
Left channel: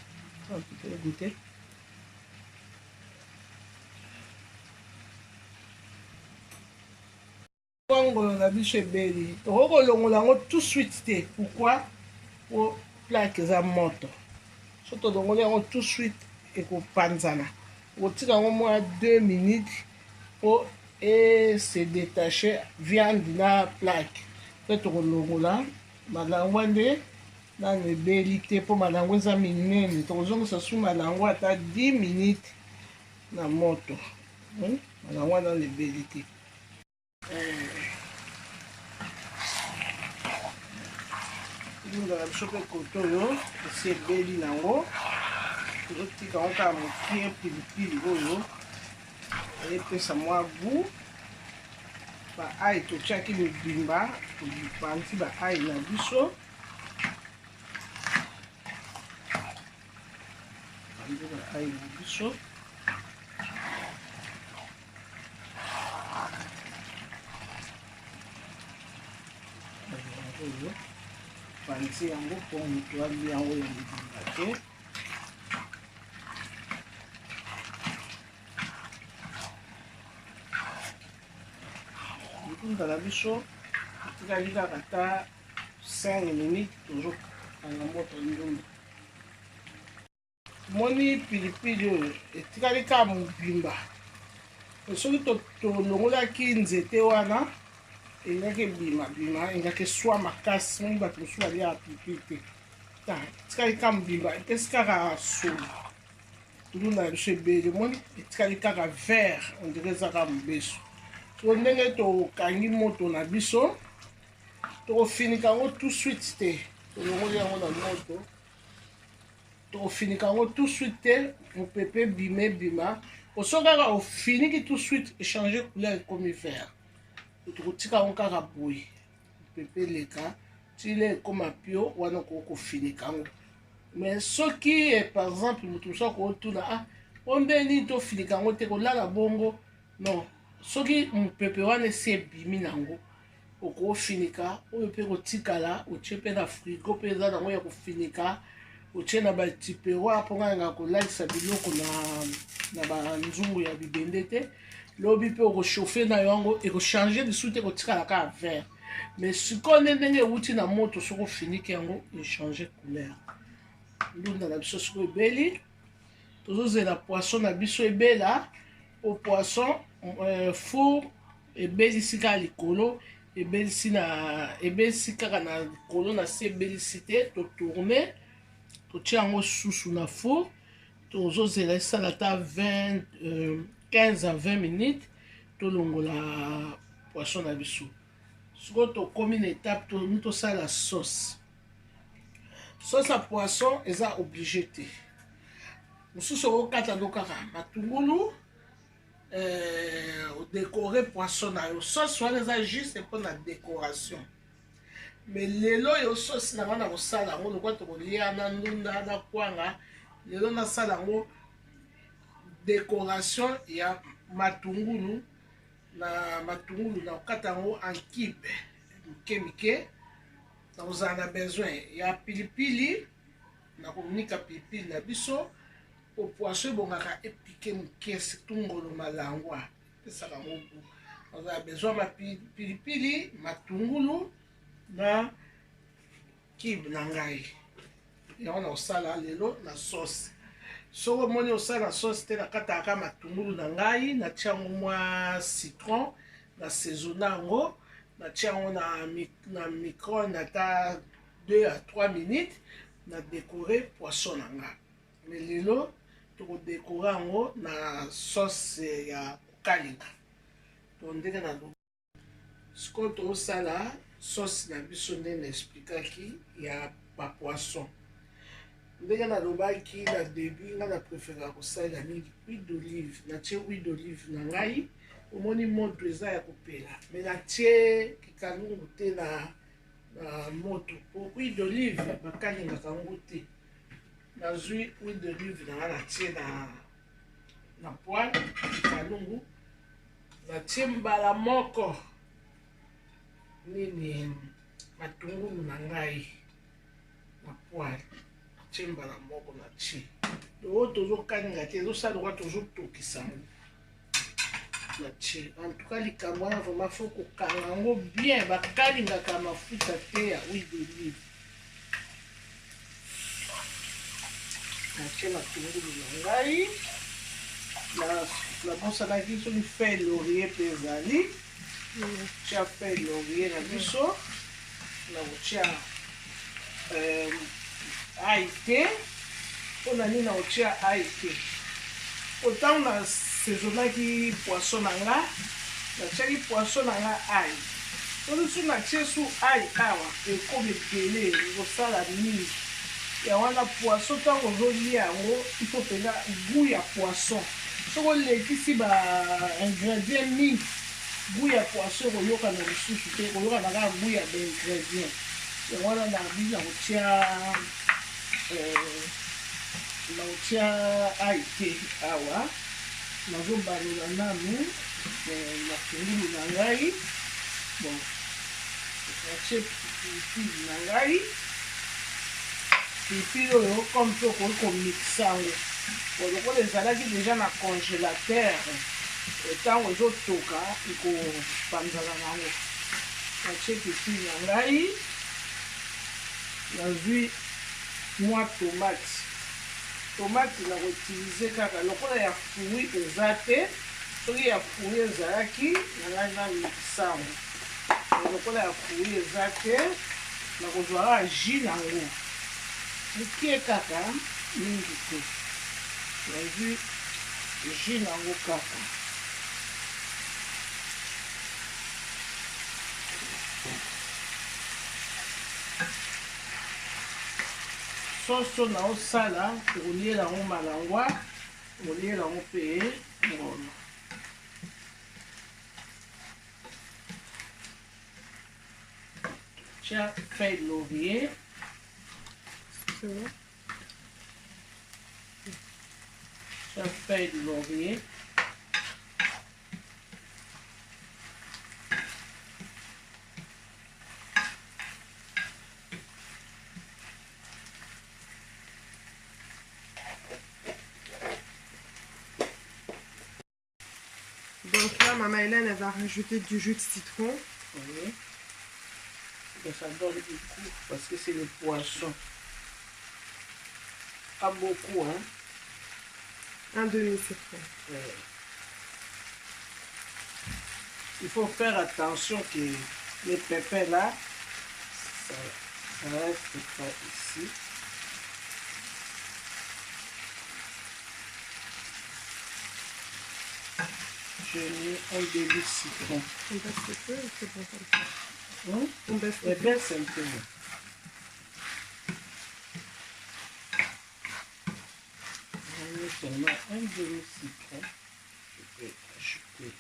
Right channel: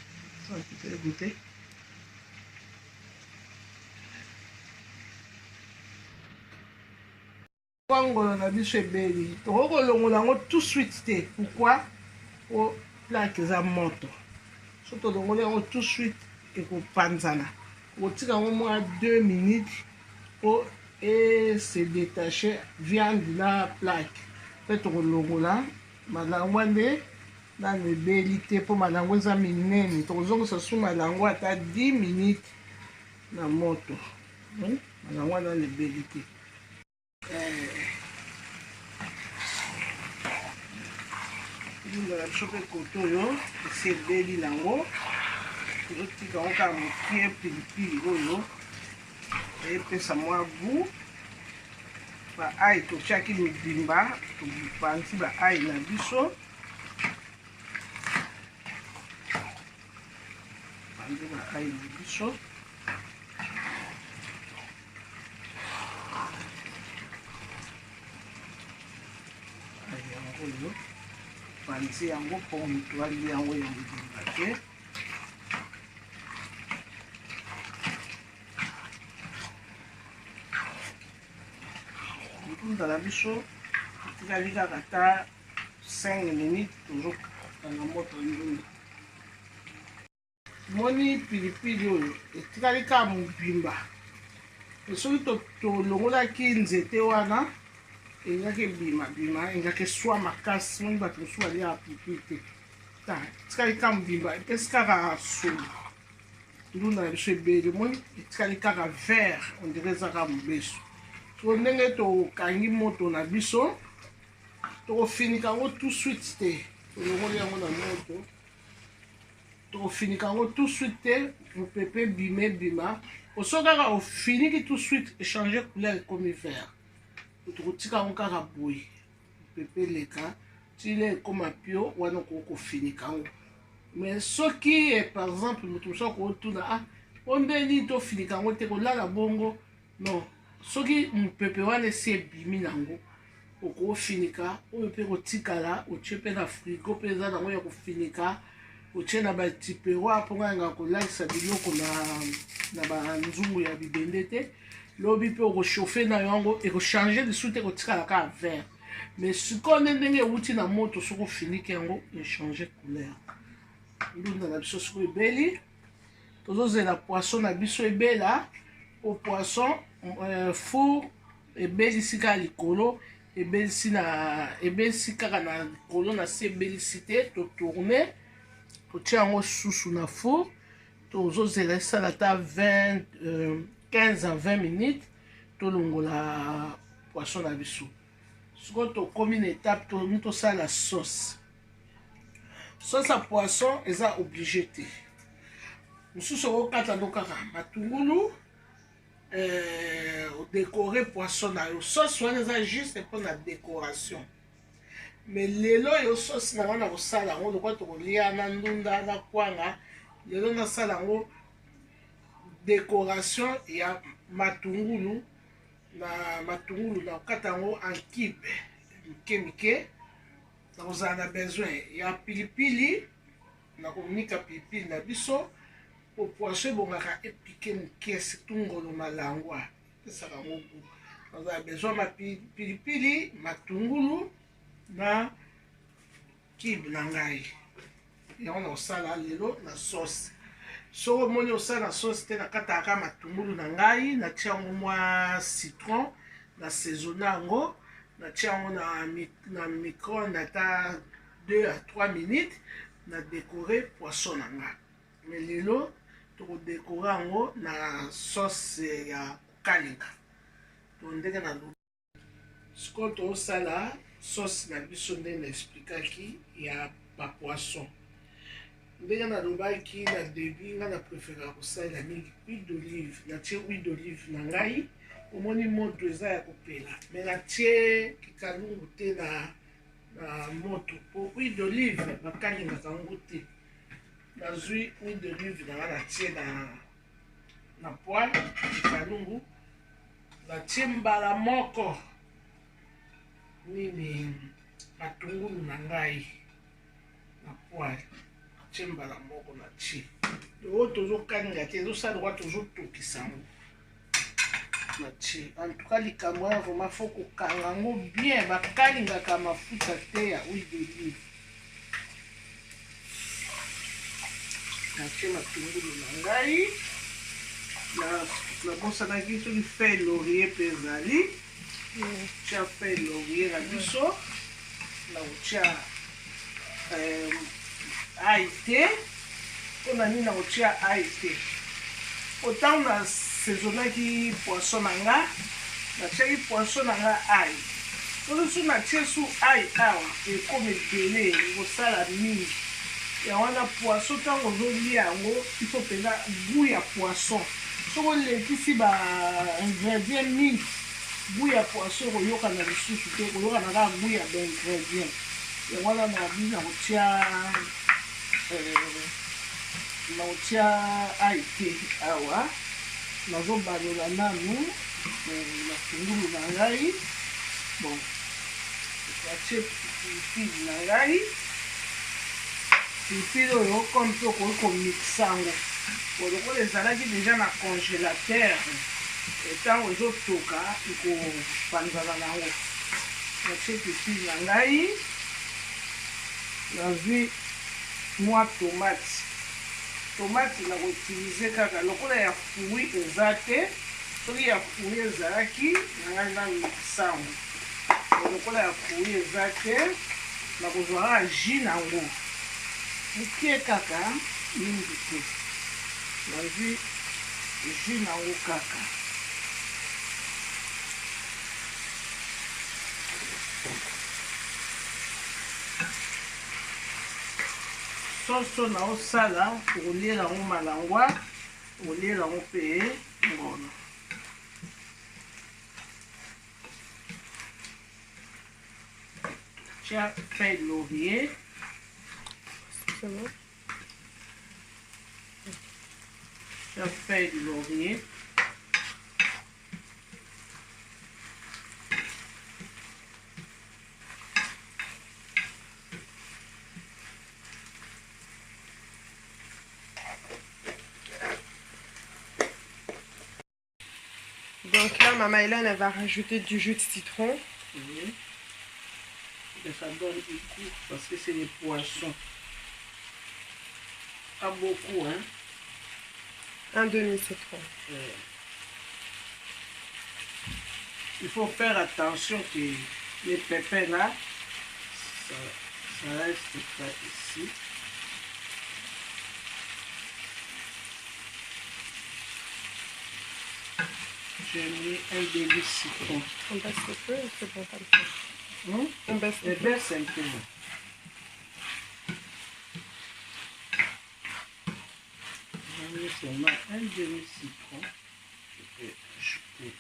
Goûter. Ngolo na biso ebeli. Tokolongola yango tout suite te. Pourquoi? Po plaque eza moto. So tolongoli yango tout suite ekopanzana. Okotika yango mwa 2 minutes po se détacher viande na plaque. Pe tokolongola malangwa nde nanu ebeli te po malangwa eza minene. Tokozongisa su malangwa ata 10 minutes na moto. Malangwa nanu ebeli te. Ndala biso mpe koto oyo esi ebeli nango, tozotika yango kaka mokie pilipili oyo epesa mwa gu. Baai totiaki mibimba, topanzi baai na biso. Panzi baai na biso. Oyo panzi yango mpo moto alia yango ya mibimba te. Mikunda na biso etikali kaka ata 5 minutes tozokanga moto ndundu. Moni pilipili oyo etikali kaka mobimba. Soki tolongolaki nzete wana engaki bima engaki eswa makasi. Moni bato mosusu baliaka pilipili te. Etikali kaka mobimba, epesi kaka solo. Ndunda na biso ebeli. Moni etikali kaka vert, ondire eza kaka mobeso. So ndenge tokangi moto na biso, tokofinika yango tout suite te. Tolongoli yango na moto, tokofinika yango tout suite te, mopepe bima. Oso kaka ofiniki tout suite, échanger couleur ekomi vert. Tokotika yango kaka boye, mopepe leka, tile ekoma pio, wana kofinika yango. Mais soki par exemple moto mosusu akotuna ombeni tofinika yango te kolala bongo, non. Soki mopepe wana esi ebimi nango, okofinika oyo mpe kotikala, otie mpe na frigo mpe eza nango ya kofinika, otie na batiperoir mpo nganga kolakisa biloko na banzungu ya bibende te. lobi mpe okochauffe na yango ekochange lisusu te ekotikala kaka vert. Mais sikoyo nde ndenge ewuti na moto soki ofiniki yango echange couleur. Ndunda na biso sikoyo ebeli, tozozela poisson na biso ebela. O poisson four ebelisi kaka likolo, ebelisi kaka na likolo na se ebelisi te, totourne totia yango susu na four, tozozela esala ata 15 à 20 minutes, tolongola poisson na biso. Sikoyo tokomi na étape tosala sauce. Sauce ya poisson eza obligé te. Mosusu okokata ndo kaka matungulu, décorer poisson na yo. Sauce wana eza juste pour la décoration. Mais lelo yo sauce na wana kosala yango lokwa tokolia na ndunda na kwanga, lelo nasala yango décoration ya matungulu na okata yango en cube mike mike. Nakozala na besoin ya pilipili, nakonika pilipili na biso. O poisson ebongaka epike moke, surtout ngolo malangwa esala yango goût. Nakozala besoin ma pilipili, matungulu na cube na ngai. Yango nakosala lelo na sauce. Soki omoni osala na sauce te, nakataka matungulu na ngai, natia yango mwa citron, na saisonne yango, natia yango na micro-ondes ata 2 à 3 minutes, na décorer poisson na ngai. Mais lelo tokodécorer yango na sauce ya kokalinga. To ndenge na lobi. Sikoyo tozosala sauce na biso nde na explikaki ya bapoisson. Ndenge nalobaki na début, nga na préférera kosalela mingi huile d'olive. Natie huile d'olive na ngai, omoni moto eza ya kopela. Mais natie kikalungu te na moto. Po huile d'olive bakalingaka yango te. Nazwi huile d'olive na nga natie na poêle kikalungu. Natie mbala moko nini matungulu na ngai na poêle. Natie mbala moko natie. Oyo tozokalinga te, ezosala lokwa tozotokisa yango. Natie. En tout cas likambo wana vraiment faut kokanga yango bien, bakalingaka mafuta te ya huile d'olive. Natie matungulu na ngai. Nabosanaki soki feuille laurier mpe ezali. Tia feuille laurier na biso. Nakotia ail te. Mpona nini nakotia ail te? Otango nasaisonnaki poisson na nga, natiaki poisson na nga ail. Soki natie su ail awa ekomi ebele, ekosala mingi. Ya wana poisson ntango ozolia yango, ifo mpenza goût ya poisson. Soki olekisi ba ingrédient mingi, goût ya poisson ekoyoka na lisusu te, ekoyoka na kaka goût ya baingrédient. Yango wana nabi nakotia ail te awa. Nazobalola nanu matungulu na ngai. Bon, natie pilipili na ngai. Pilipili oyo comme to okoki komixa yango. Lokola ezalaki deja na congélateur, ntango ezotoka ekopanzana nango. Natie pilipili na ngai. Nazwi mwa tomate. Tomate nakoutilize kaka lokola ya fui eza te. Soki ya fui ezalaki na ngai namikisa yango. Lokola ya fui eza te, nakozwaka jus nango mokie kaka mingi te. Nazwi jus nango kaka. Soso naosala tokoliela yango malangwa, tokoliela yango mpe ngono. Tia feuille laurier. Tia feuille laurier. Donc Donc là, Maman Hélène, elle va rajouter du jus de citron. Oui. Et ça donne du goût parce que c'est les poissons. Pas beaucoup, hein. Un demi-citron. Il faut faire attention que les pépins là, ça reste pas ici. J'ai mis un demi-citron. On baisse le feu ou c'est bon comme ça? On baisse le feu. Baisse un peu. J'ai mis seulement un demi-citron. Je peux ajouter.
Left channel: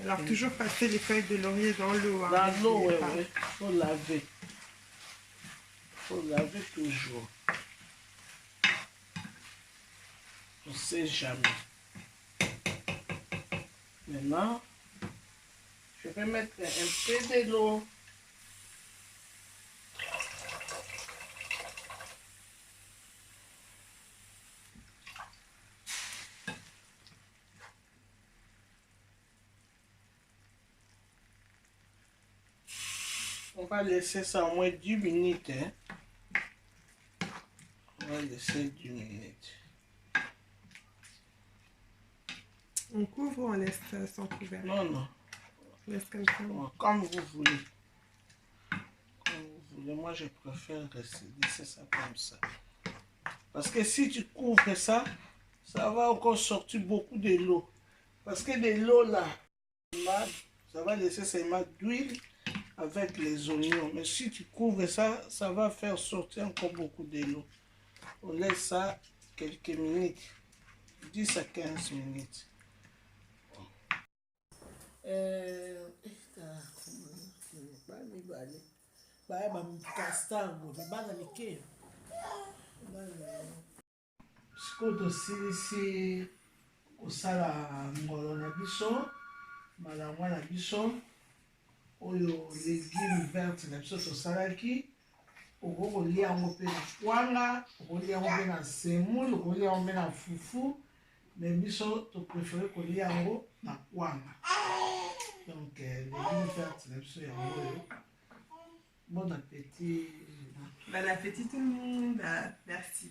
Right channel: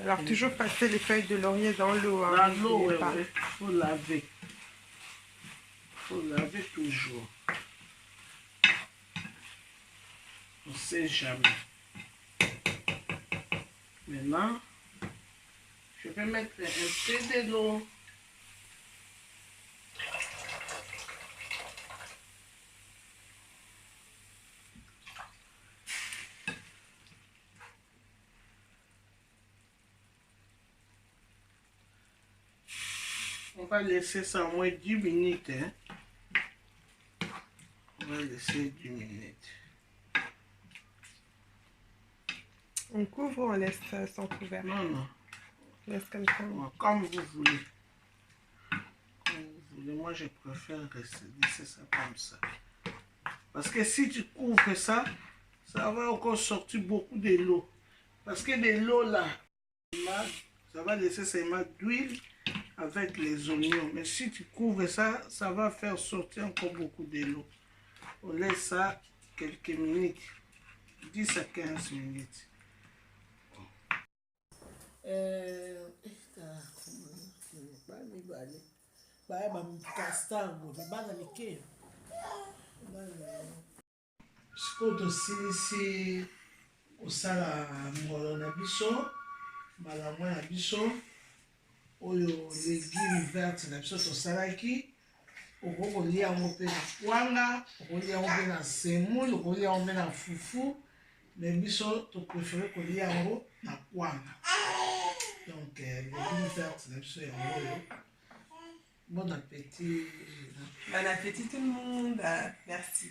Alors, toujours passer les feuilles de laurier dans l'eau. Hein, dans l'eau, oui, pas. il faut laver. Il faut laver toujours. On ne sait jamais. Maintenant, je vais mettre un peu de l'eau. On va laisser ça au moins 10 minutes. Hein. On va laisser 10 minutes. On couvre ou on laisse sans couvert? Non, non. On laisse comme ça. Comme vous voulez. Comme vous voulez. Moi, je préfère laisser ça comme ça. Parce que si tu couvres ça, ça va encore sortir beaucoup de l'eau. Parce que de l'eau là, ça va laisser seulement d'huile avec les oignons. Mais si tu couvres ça, ça va faire sortir encore beaucoup de l'eau. On laisse ça quelques minutes. 10 à 15 minutes. Sikoyo tosilisi kosala molo na biso, malamwa na biso, oyo légume verte na biso tosalaki, okoki kolia yango mpe na kwanga, okolia yango mpe na semoule, okolia yango mpe na fufu, mais biso topréféré kolia yango na kwanga. Donc légume verte na biso yango oyo. Bon appétit. Bon appétit tout le monde. Merci.